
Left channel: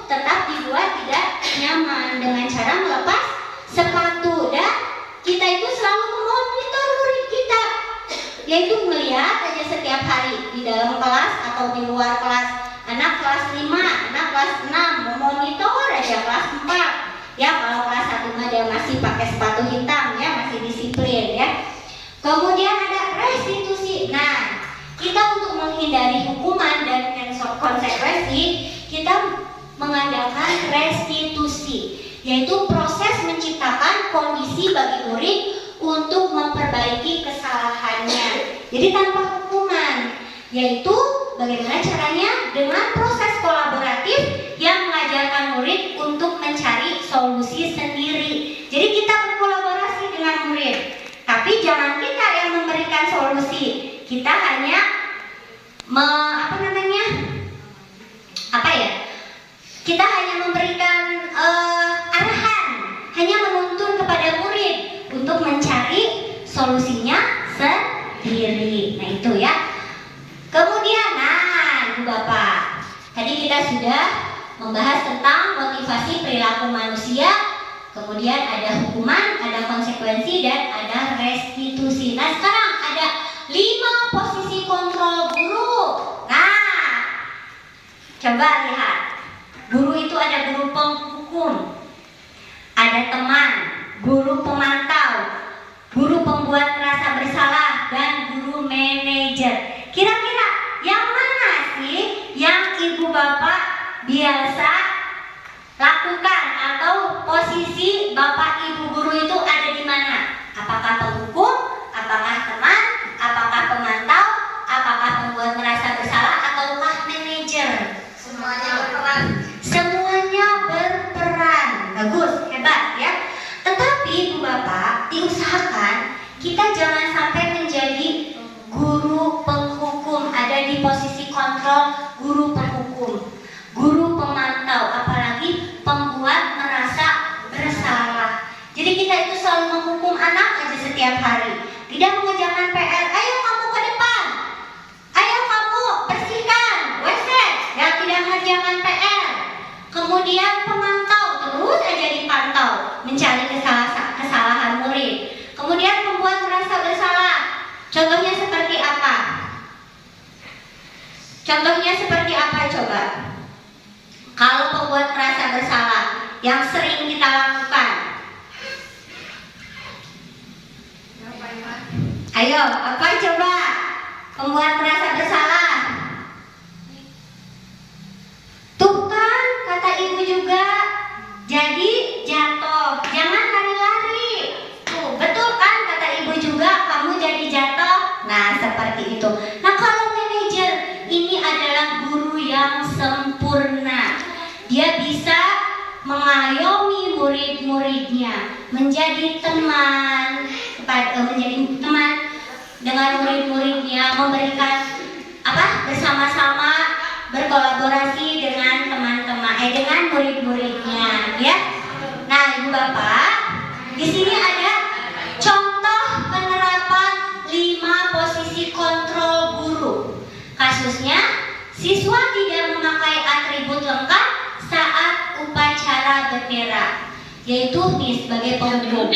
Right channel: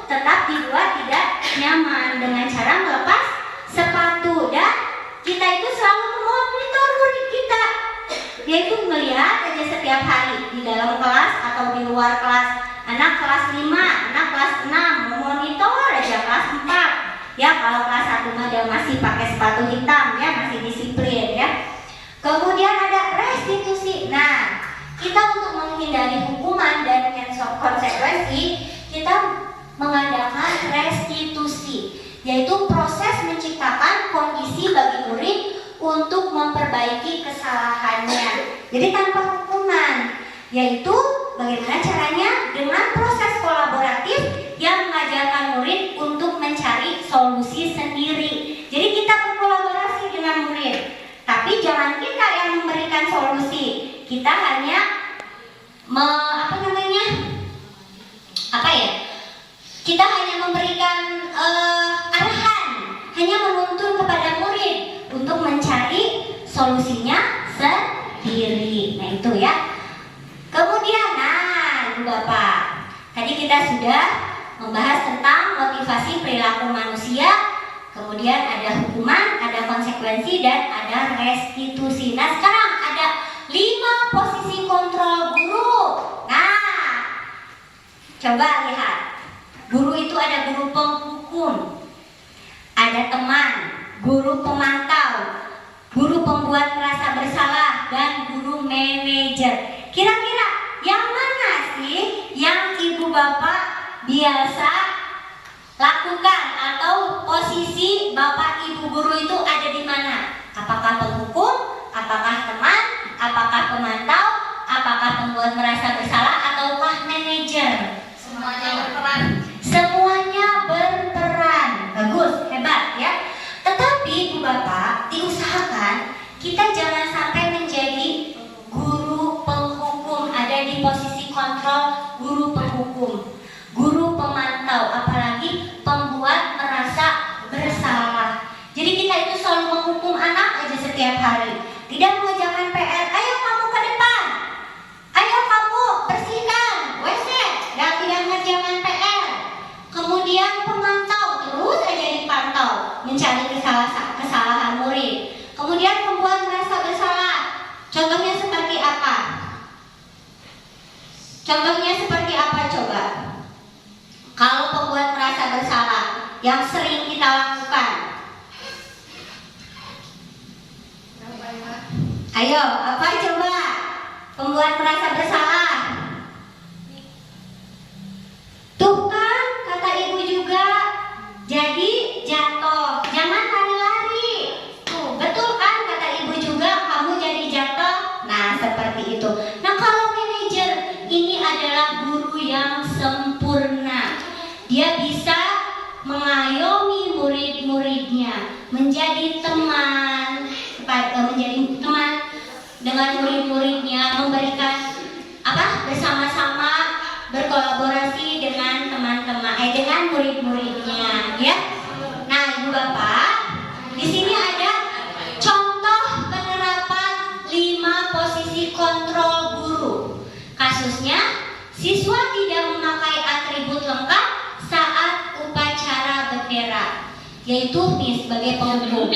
tetap dibuat tidak nyaman dengan cara melepas sepatu. Dan kita itu selalu memonitor murid kita, yaitu melihat aja setiap hari di dalam kelas atau di luar kelas. Anak kelas 5, anak kelas 6 memonitor aja kelas 4. Ya kalau kelas 1 mah dia masih pakai sepatu hitam ya, masih disiplin ya. Kemudian ada restitusi. Nah, kita untuk menghindari hukuman dan konsekuensi, kita mengadakan restitusi, yaitu proses menciptakan kondisi bagi murid untuk memperbaiki kesalahannya. Jadi tanpa hukuman, yaitu bagaimana caranya dengan proses kolaboratif yang mengajarkan murid untuk mencari solusi sendiri. Jadi kita berkolaborasi dengan murid, tapi jangan kita yang memberikan solusi. Kita hanya kita hanya memberikan arahan, hanya menuntun kepada murid untuk mencari solusinya sendiri. Nah itu ya. Kemudian, Bu Bapak, tadi kita sudah membahas tentang motivasi perilaku manusia. Kemudian ada hukuman, ada konsekuensi, dan ada restitusi. Nah sekarang ada 5 posisi kontrol guru. Nah, coba lihat. Guru itu ada guru penghukum, ada teman, guru pemantau, guru pembuat merasa bersalah, dan guru manajer. Kira-kira yang mana sih yang ibu bapak biasa lakukan, atau posisi bapak ibu guru itu ada di mana? Apakah penghukum, apakah teman, apakah pemantau, apakah pembuat merasa bersalah, ataukah manajer? Semuanya berperan. Semuanya berperan. Bagus, hebat ya. Tetapi Bu Bapak, diusahakan kita jangan sampai menjadi guru penghukum, ada di posisi kontrol guru penghukum, guru pemantau, apalagi pembuat merasa bersalah. Jadi kita itu selalu menghukum anak aja setiap hari. Tidak mengerjakan PR, ayo kamu ke depan, ayo kamu bersihkan WC, dan tidak mengerjakan PR. Kemudian pemantau, terus aja dipantau, mencari kesalahan murid. Kemudian pembuat merasa bersalah. Contohnya seperti apa? Contohnya seperti apa coba? Kalau pembuat merasa bersalah yang sering kita lakukan. Ayo, apa coba? Pembuat merasa bersalah. Tuh kan, kata ibu juga, jadi jatuh, jangan lari-lari. Tuh, betul kan kata ibu juga, kamu jadi jatuh. Nah, seperti itu. Nah, kalau manajer ini adalah guru yang sempurna. Dia bisa mengayomi murid-muridnya, menjadi teman dengan murid-muridnya, memberikan bersama-sama berkolaborasi dengan teman-teman dengan murid-muridnya, ya. Nah, Ibu Bapak, di sini ada contoh penerapan 5 posisi kontrol guru. Kasusnya, siswa tidak memakai atribut lengkap saat upacara bendera, yaitu sebagai penghukum.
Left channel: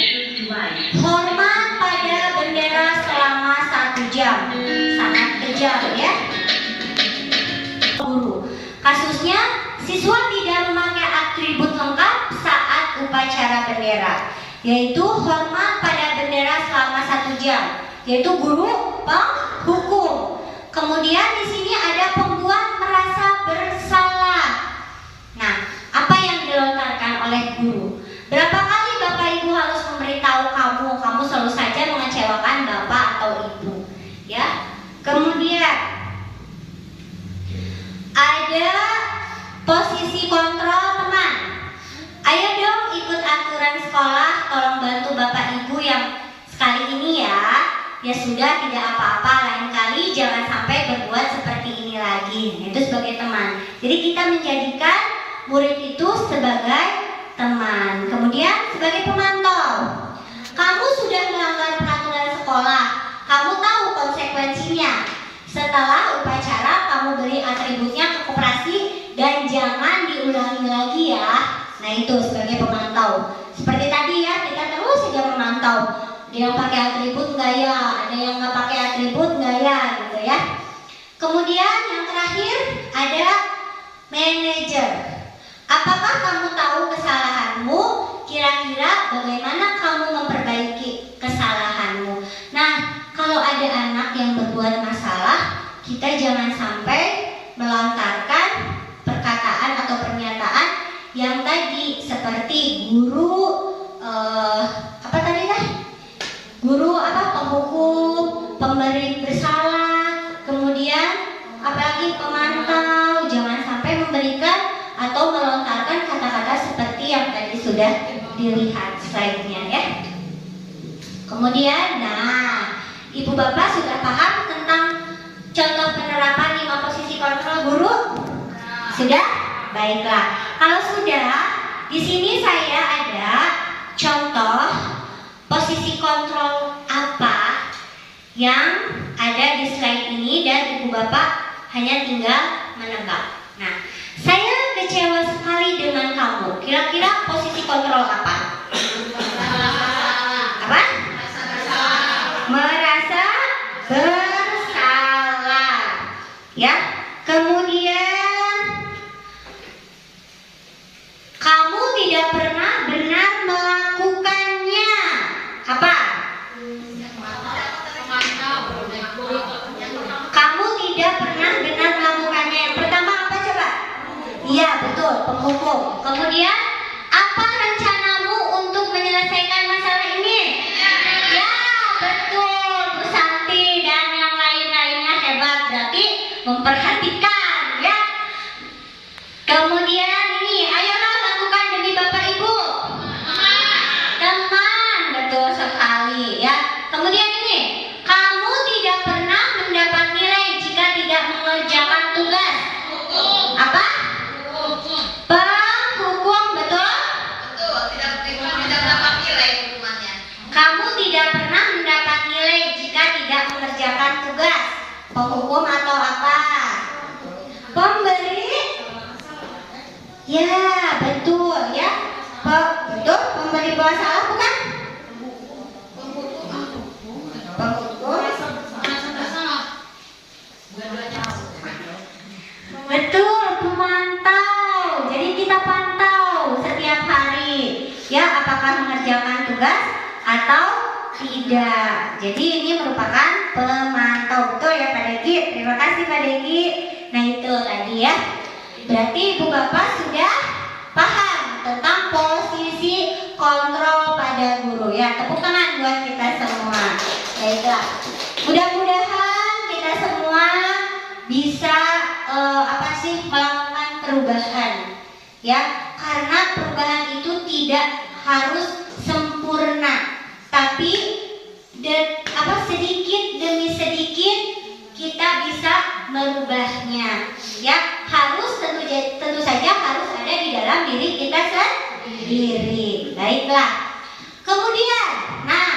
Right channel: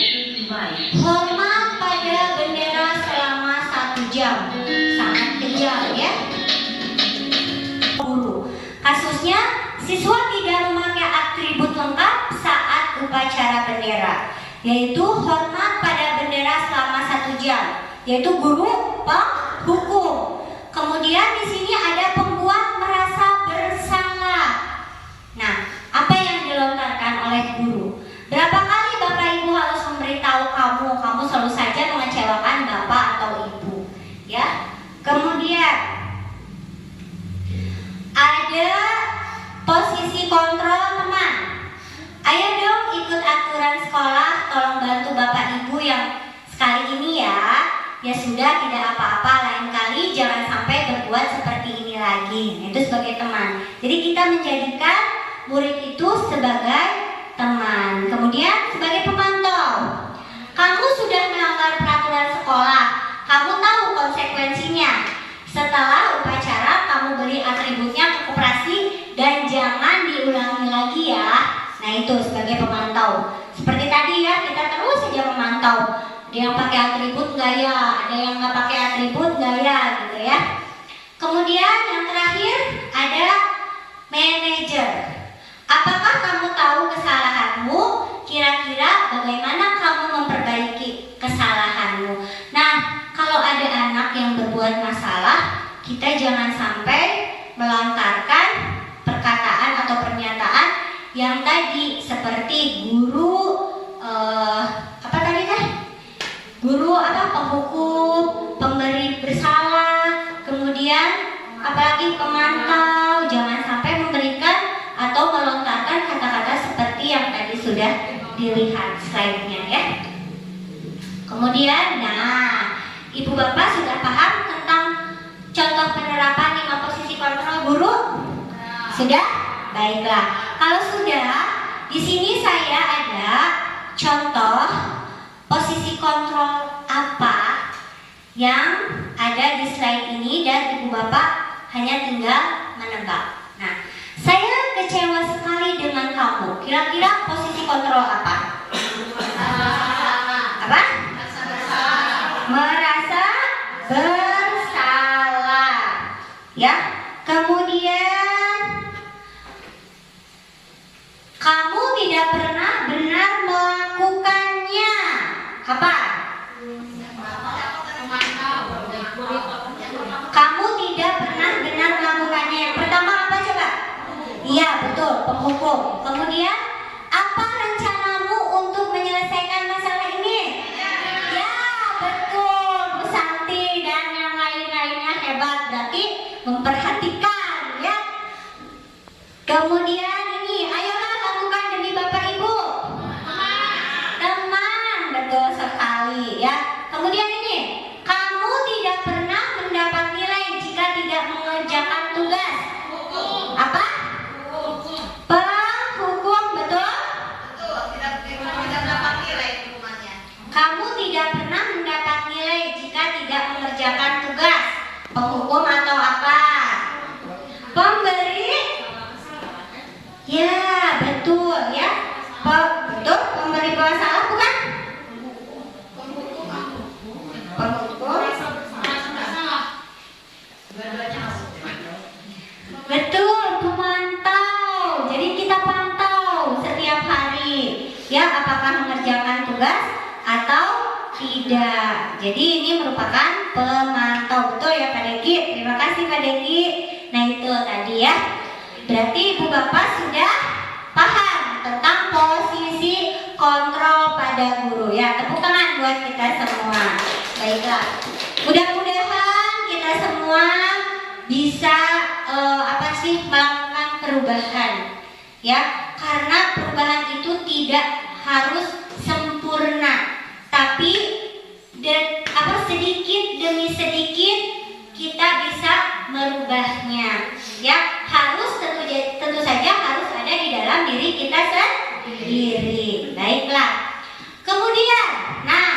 Hormat pada bendera selama 1 jam, sangat kejam ya. Guru, kasusnya siswa tidak memakai atribut lengkap saat upacara bendera, yaitu hormat pada bendera selama 1 jam, yaitu guru penghukum. Kemudian di sini ada pembuat merasa bersalah. Nah, apa yang dilontarkan oleh guru? Berapa kali Bapak Ibu harus memberitahu kamu selalu saja mengecewakan Bapak atau Ibu, ya? Kemudian ada posisi kontrol teman. Ayo dong ikut aturan sekolah, tolong bantu Bapak Ibu yang sekali ini ya. Ya sudah, tidak apa-apa, lain kali jangan sampai berbuat seperti ini lagi. Itu sebagai teman. Jadi kita menjadikan murid itu sebagai teman. Kemudian sebagai pemantau. Kamu sudah melanggar peraturan sekolah, kamu tahu konsekuensinya. Setelah upacara kamu beri atributnya ke koperasi dan jangan diulangi lagi ya. Nah itu sebagai pemantau. Seperti tadi ya, kita terus saja memantau. Ada yang pakai atribut nggak ya, ada yang nggak pakai atribut nggak ya, gitu ya. Kemudian yang terakhir ada manajer. Apakah kamu tahu kesalahanmu? Kira-kira bagaimana kamu memperbaiki kesalahanmu? Nah, kalau ada anak yang berbuat masalah, kita jangan sampai melontarkan perkataan atau pernyataan yang tadi seperti guru apa tadi kan? Guru penghukum, pemberi bersalah, kemudian apalagi pemantau. Jangan sampai memberikan atau melontarkan kata-kata seperti yang tadi sudah dilihat slide-nya ya. Kemudian, nah, Ibu Bapak sudah paham tentang contoh penerapan 5 posisi kontrol guru? Sudah? Baiklah. Kalau sudah, di sini saya ada contoh posisi kontrol apa yang ada di slide ini dan Ibu Bapak hanya tinggal menebak. Nah, saya kecewa sekali dengan kamu. Kira-kira posisi kontrol apa? Apa? Merasa bersalah. Ya. Kemudian kamu tidak pernah benar melakukannya. Apa? Kamu tidak pernah benar melakukannya. Yang pertama apa coba? Iya betul, penghukum. Kemudian apa rencanamu untuk menyelesaikan masalah ini? Ya betul, Bu Santi dan yang lain-lainnya hebat. Berarti memperhatikan ya. Kemudian ini, ayolah lakukan demi Bapak Ibu. Teman, betul sekali ya. Kemudian ini, kamu tidak pernah mendapat nilai jika tidak mengerjakan tugas. Apa? Penghukum, betul? Betul, tidak mendapat nilai hukumannya. Kamu tidak pernah mendapat nilai jika tidak mengerjakan tugas. Penghukum atau apa? Pemberi? Ya, betul ya. Betul, pemberi bola salah bukan? Penghukum. Betul, pemantau. Jadi kita pantau setiap hari ya apakah mengerjakan tugas atau tidak. Jadi ini merupakan pemantau. Betul ya Pak Deki? Terima kasih Pak Deki. Nah itu tadi ya. Berarti Ibu Bapak sudah paham tentang posisi kontrol pada guru ya. Tepuk tangan buat kita semua. Baiklah. Mudah-mudahan kita semua bisa melakukan perubahan ya. Karena perubahan itu tidak harus sempurna, tapi sedikit demi sedikit kita bisa merubahnya ya. Harus tentu saja harus ada diri kita sendiri. Baiklah. Kemudian, nah,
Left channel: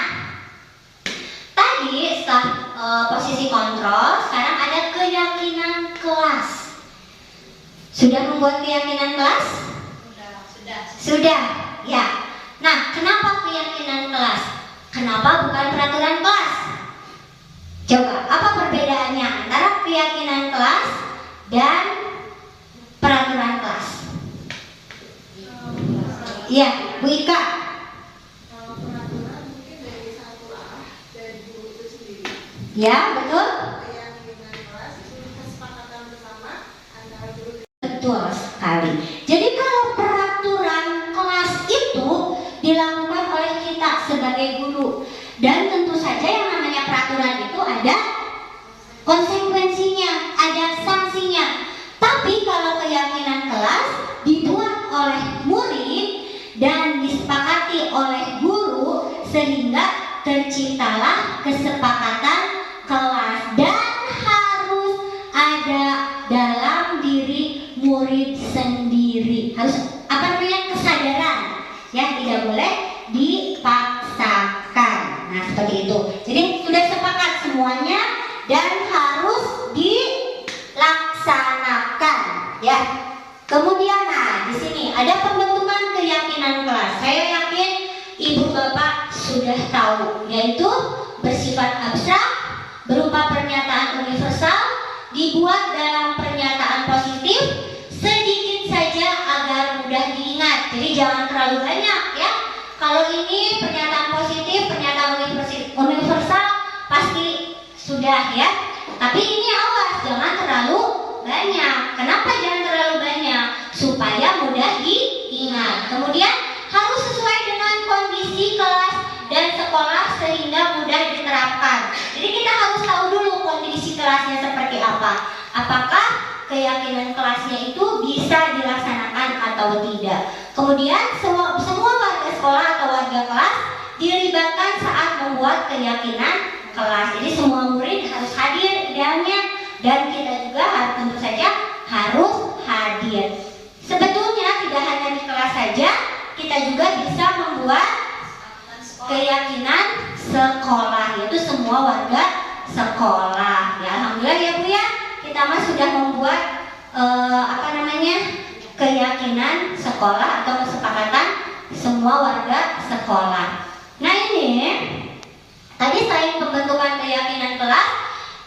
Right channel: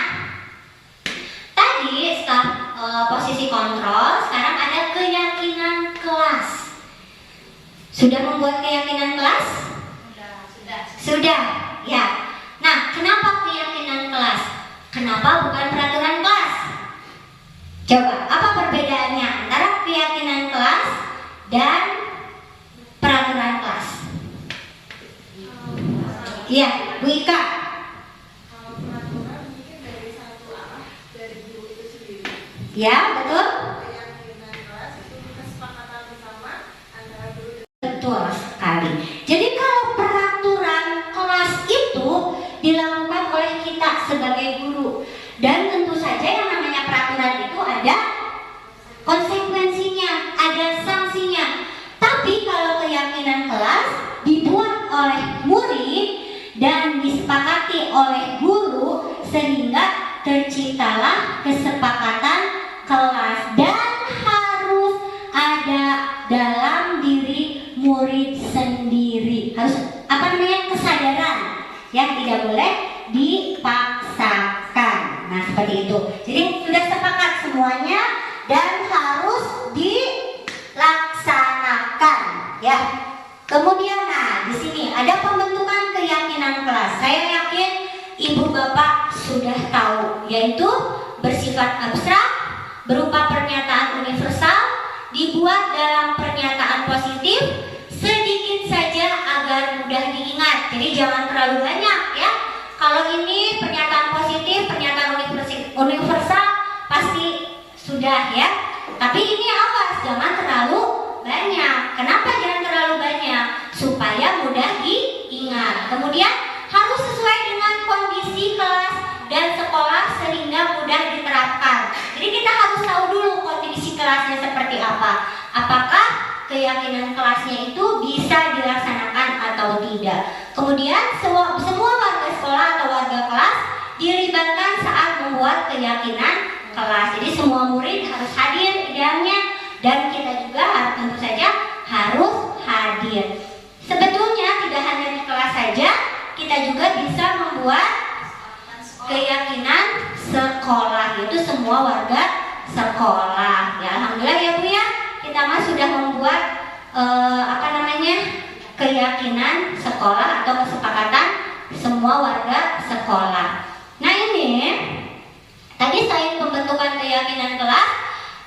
tadi setelah posisi kontrol, sekarang ada keyakinan kelas. Sudah membuat keyakinan kelas? Sudah, ya. Nah, kenapa keyakinan kelas? Kenapa bukan peraturan kelas? Coba, apa perbedaannya antara keyakinan kelas dan peraturan kelas? Iya, Bu Ika. Ya, betul? Betul sekali. Jadi kalau peraturan kelas itu dilakukan oleh kita sebagai guru, dan tentu saja yang namanya peraturan itu ada konsekuensinya, ada sanksinya. Tapi kalau keyakinan kelas dibuat oleh murid dan disepakati oleh guru, sehingga terciptalah kesepakatan kelas, dan harus ada dalam diri murid sendiri. Harus kesadaran, ya, tidak boleh dipaksakan. Nah, seperti itu. Jadi sudah sepakat semuanya dan harus dilaksanakan, ya. Kemudian, nah, di sini ada pembentukan keyakinan kelas. Saya yakin Ibu Bapak sudah tahu, yaitu bersifat abstrak, berupa pernyataan universal, dibuat dalam pernyataan positif, sedikit saja agar mudah diingat. Jadi jangan terlalu banyak, ya. Kalau ini pernyataan positif, pernyataan universal pasti sudah, ya. Tapi ini awas, jangan terlalu banyak. Kenapa jangan terlalu banyak? Supaya mudah diingat. Kemudian harus sesuai dengan kondisi kelas dan sekolah sehingga mudah diterapkan. Jadi kita harus tahu dulu kondisi kelasnya seperti apa. Apakah keyakinan kelasnya itu bisa dilaksanakan atau tidak. Kemudian semua warga sekolah atau warga kelas dilibatkan saat membuat keyakinan kelas. Jadi semua murid harus hadir di dalamnya, dan kita juga tentu saja harus hadir. Sebetulnya tidak hanya di kelas saja, kita juga bisa membuat keyakinan sekolah, yaitu semua warga sekolah. Ya, alhamdulillah ya Bu ya, kita mah sudah membuat keyakinan sekolah atau kesepakatan semua warga sekolah. Nah, ini tadi selain pembentukan keyakinan kelas,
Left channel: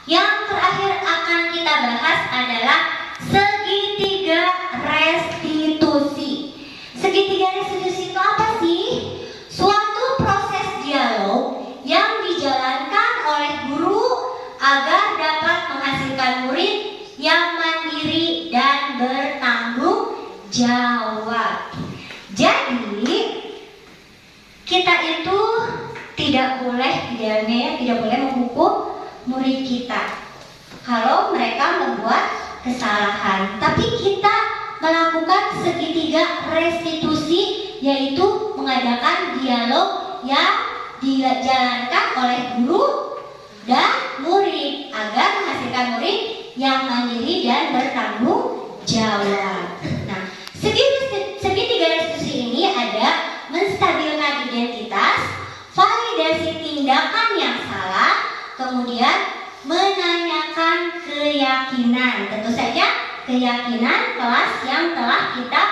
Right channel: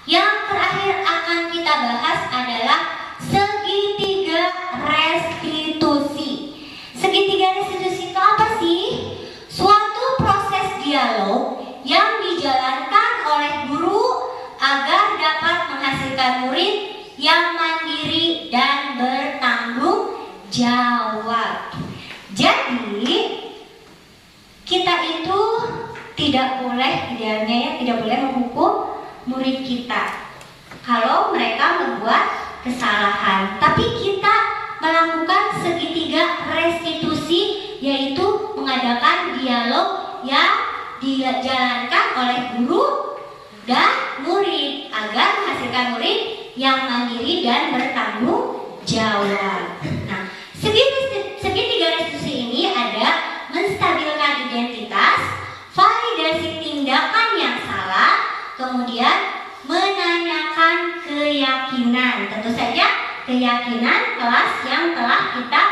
yang terakhir akan kita bahas adalah segitiga restitusi. Segitiga restitusi itu apa sih? Suatu proses dialog yang dijalankan oleh guru agar dapat menghasilkan murid yang mandiri dan bertanggung jawab. Jadi kita itu tidak boleh menghukum murid kita kalau mereka membuat kesalahan. Tapi kita melakukan segitiga restitusi, yaitu mengadakan dialog yang dijalankan oleh guru dan murid agar menghasilkan murid yang mandiri dan bertanggung jawab. Nah, segitiga restitusi ini ada menstabilkan identitas, validasi tindakan yang salah, kemudian menanyakan keyakinan. Tentu saja keyakinan kelas yang telah kita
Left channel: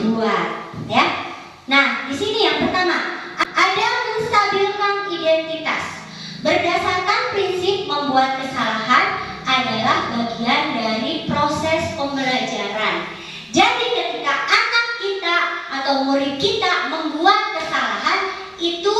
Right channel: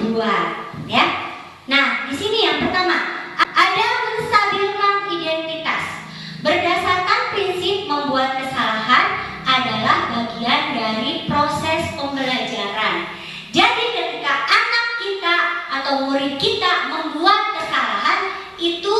buat, ya. Nah, di sini yang pertama ada menstabilkan identitas. Berdasarkan prinsip membuat kesalahan adalah bagian dari proses pembelajaran. Jadi ketika anak kita atau murid kita membuat kesalahan, itu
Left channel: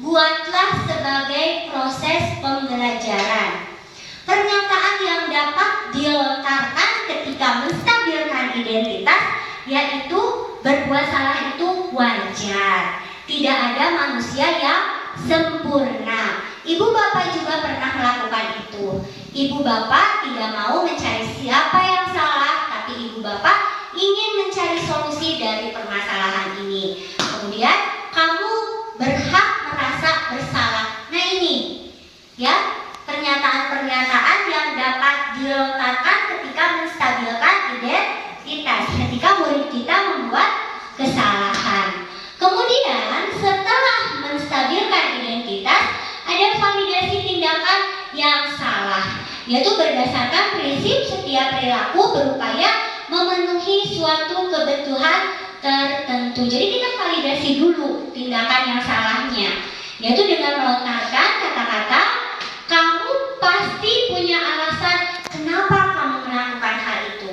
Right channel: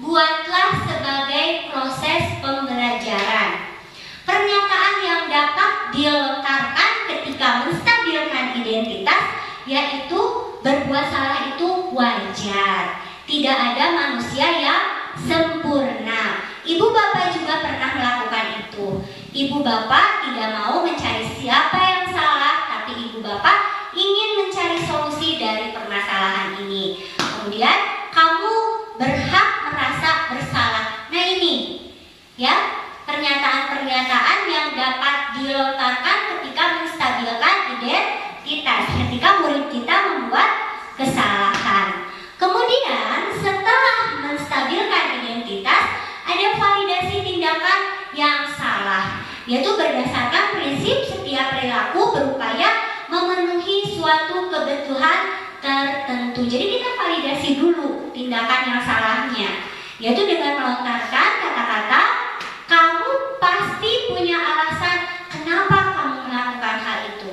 buatlah sebagai proses pembelajaran. Pernyataan yang dapat dilontarkan ketika menstabilkan identitas, yaitu berbuat salah itu wajar. Tidak ada manusia yang sempurna. Ibu bapak juga pernah melakukan itu. Ibu bapak tidak mau mencari siapa yang salah, tapi ibu bapak ingin mencari solusi dari permasalahan ini. Kemudian kamu berhak merasa bersalah. Nah, ini ya, pernyataan-pernyataan yang dapat dilontarkan ketika menstabilkan identitas, ketika murid kita membuat perilaku berupaya memenuhi suatu kebutuhan tertentu. Jadi kita validasi dulu tindakan yang salahnya, yaitu dengan melontarkan kata-kata, kamu pasti punya alasan kenapa kamu melakukan hal itu.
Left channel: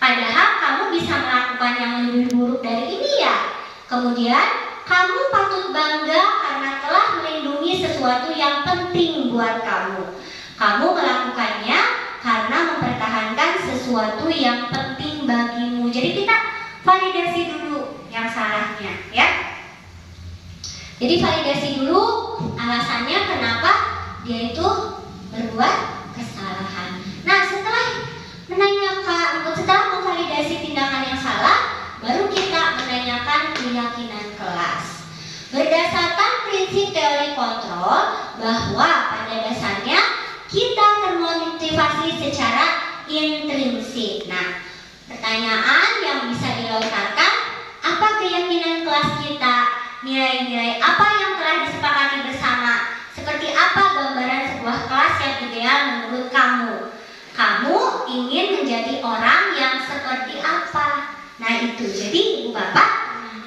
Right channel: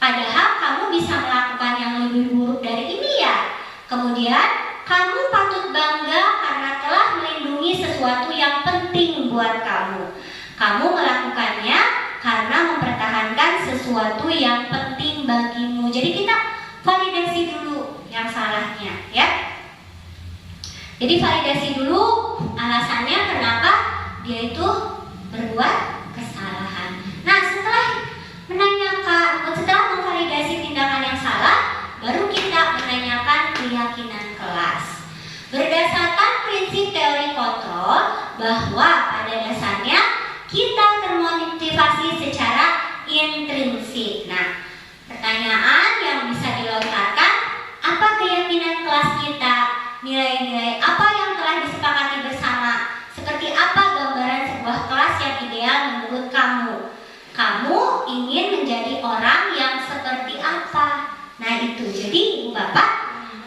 Padahal kamu bisa melakukan yang lebih buruk dari ini ya. Kemudian kamu patut bangga karena telah melindungi sesuatu yang penting buat kamu. Kamu melakukannya karena mempertahankan sesuatu yang penting bagimu. Jadi kita validasi dulu yang salahnya, ya. Jadi validasi dulu alasannya kenapa dia itu berbuat kesalahan. Nah, setelah memvalidasi tindakan yang salah, baru kita menanyakan keyakinan kelas. Berdasarkan prinsip teori kontrol bahwa pada dasarnya kita termotivasi secara intrinsik. Nah, pertanyaan yang bisa dilontarkan, apa keyakinan kelas kita? Nilai-nilai apa yang telah disepakati bersama? Seperti apa gambaran sebuah kelas yang ideal menurut kamu? Kamu ingin menjadi orang yang seperti apa? Nah itu, jadi Ibu Bapak,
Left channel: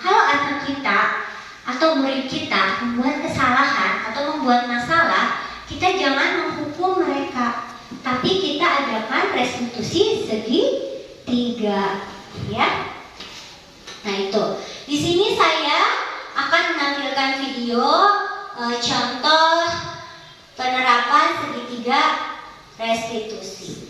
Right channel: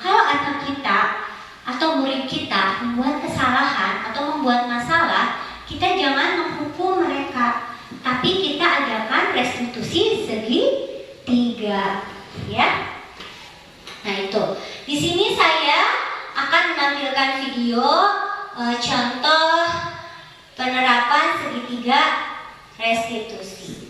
kalau anak kita atau murid kita membuat kesalahan atau membuat masalah, kita jangan menghukum mereka, tapi kita adakan restitusi segitiga, ya. Nah itu, di sini saya akan menampilkan video contoh penerapan segitiga restitusi.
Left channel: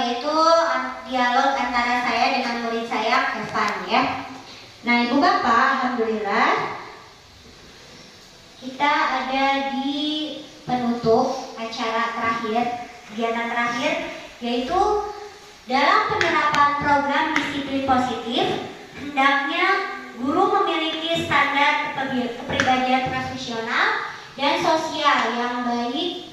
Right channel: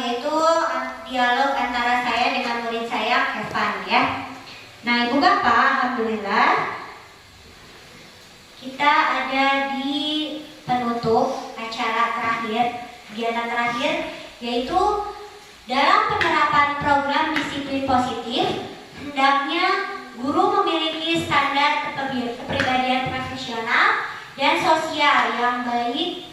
Yaitu dialog antara saya dengan murid saya, Evan, ya. Nah, Ibu Bapak, alhamdulillah kita ada di penutup acara terakhir, kegiatan terakhir, yaitu dalam penerapan program disiplin positif, hendaknya guru memiliki standar kepribadian profesional dan sosial yang baik,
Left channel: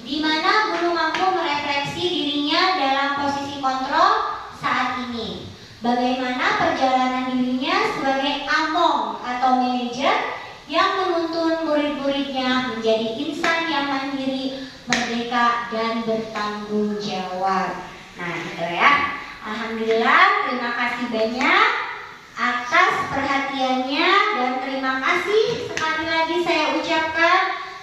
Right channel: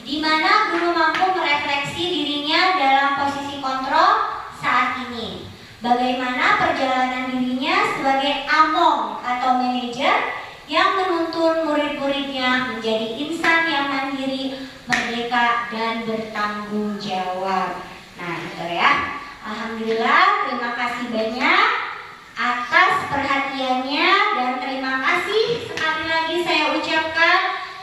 di mana guru mampu merefleksi dirinya dalam posisi kontrol saat ini. Bagaimana perjalanan dirinya sebagai among atau manajer yang menuntun murid-muridnya menjadi insan yang mandiri, merdeka, dan bertanggung jawab. Nah, itu ya. Alhamdulillah, terima kasih banyak atas perhatiannya, dan terima kasih sekali lagi saya ucapkan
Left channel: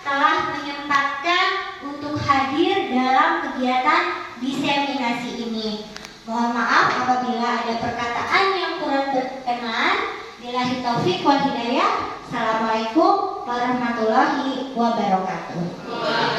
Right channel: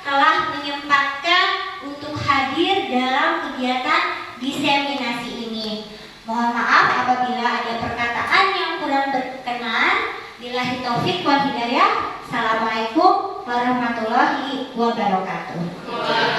telah menyempatkan untuk hadir dalam kegiatan diseminasi ini. Mohon maaf apabila ada perkataan yang kurang berkenan. Billahi taufik wal hidayah. Assalamualaikum warahmatullahi wabarakatuh.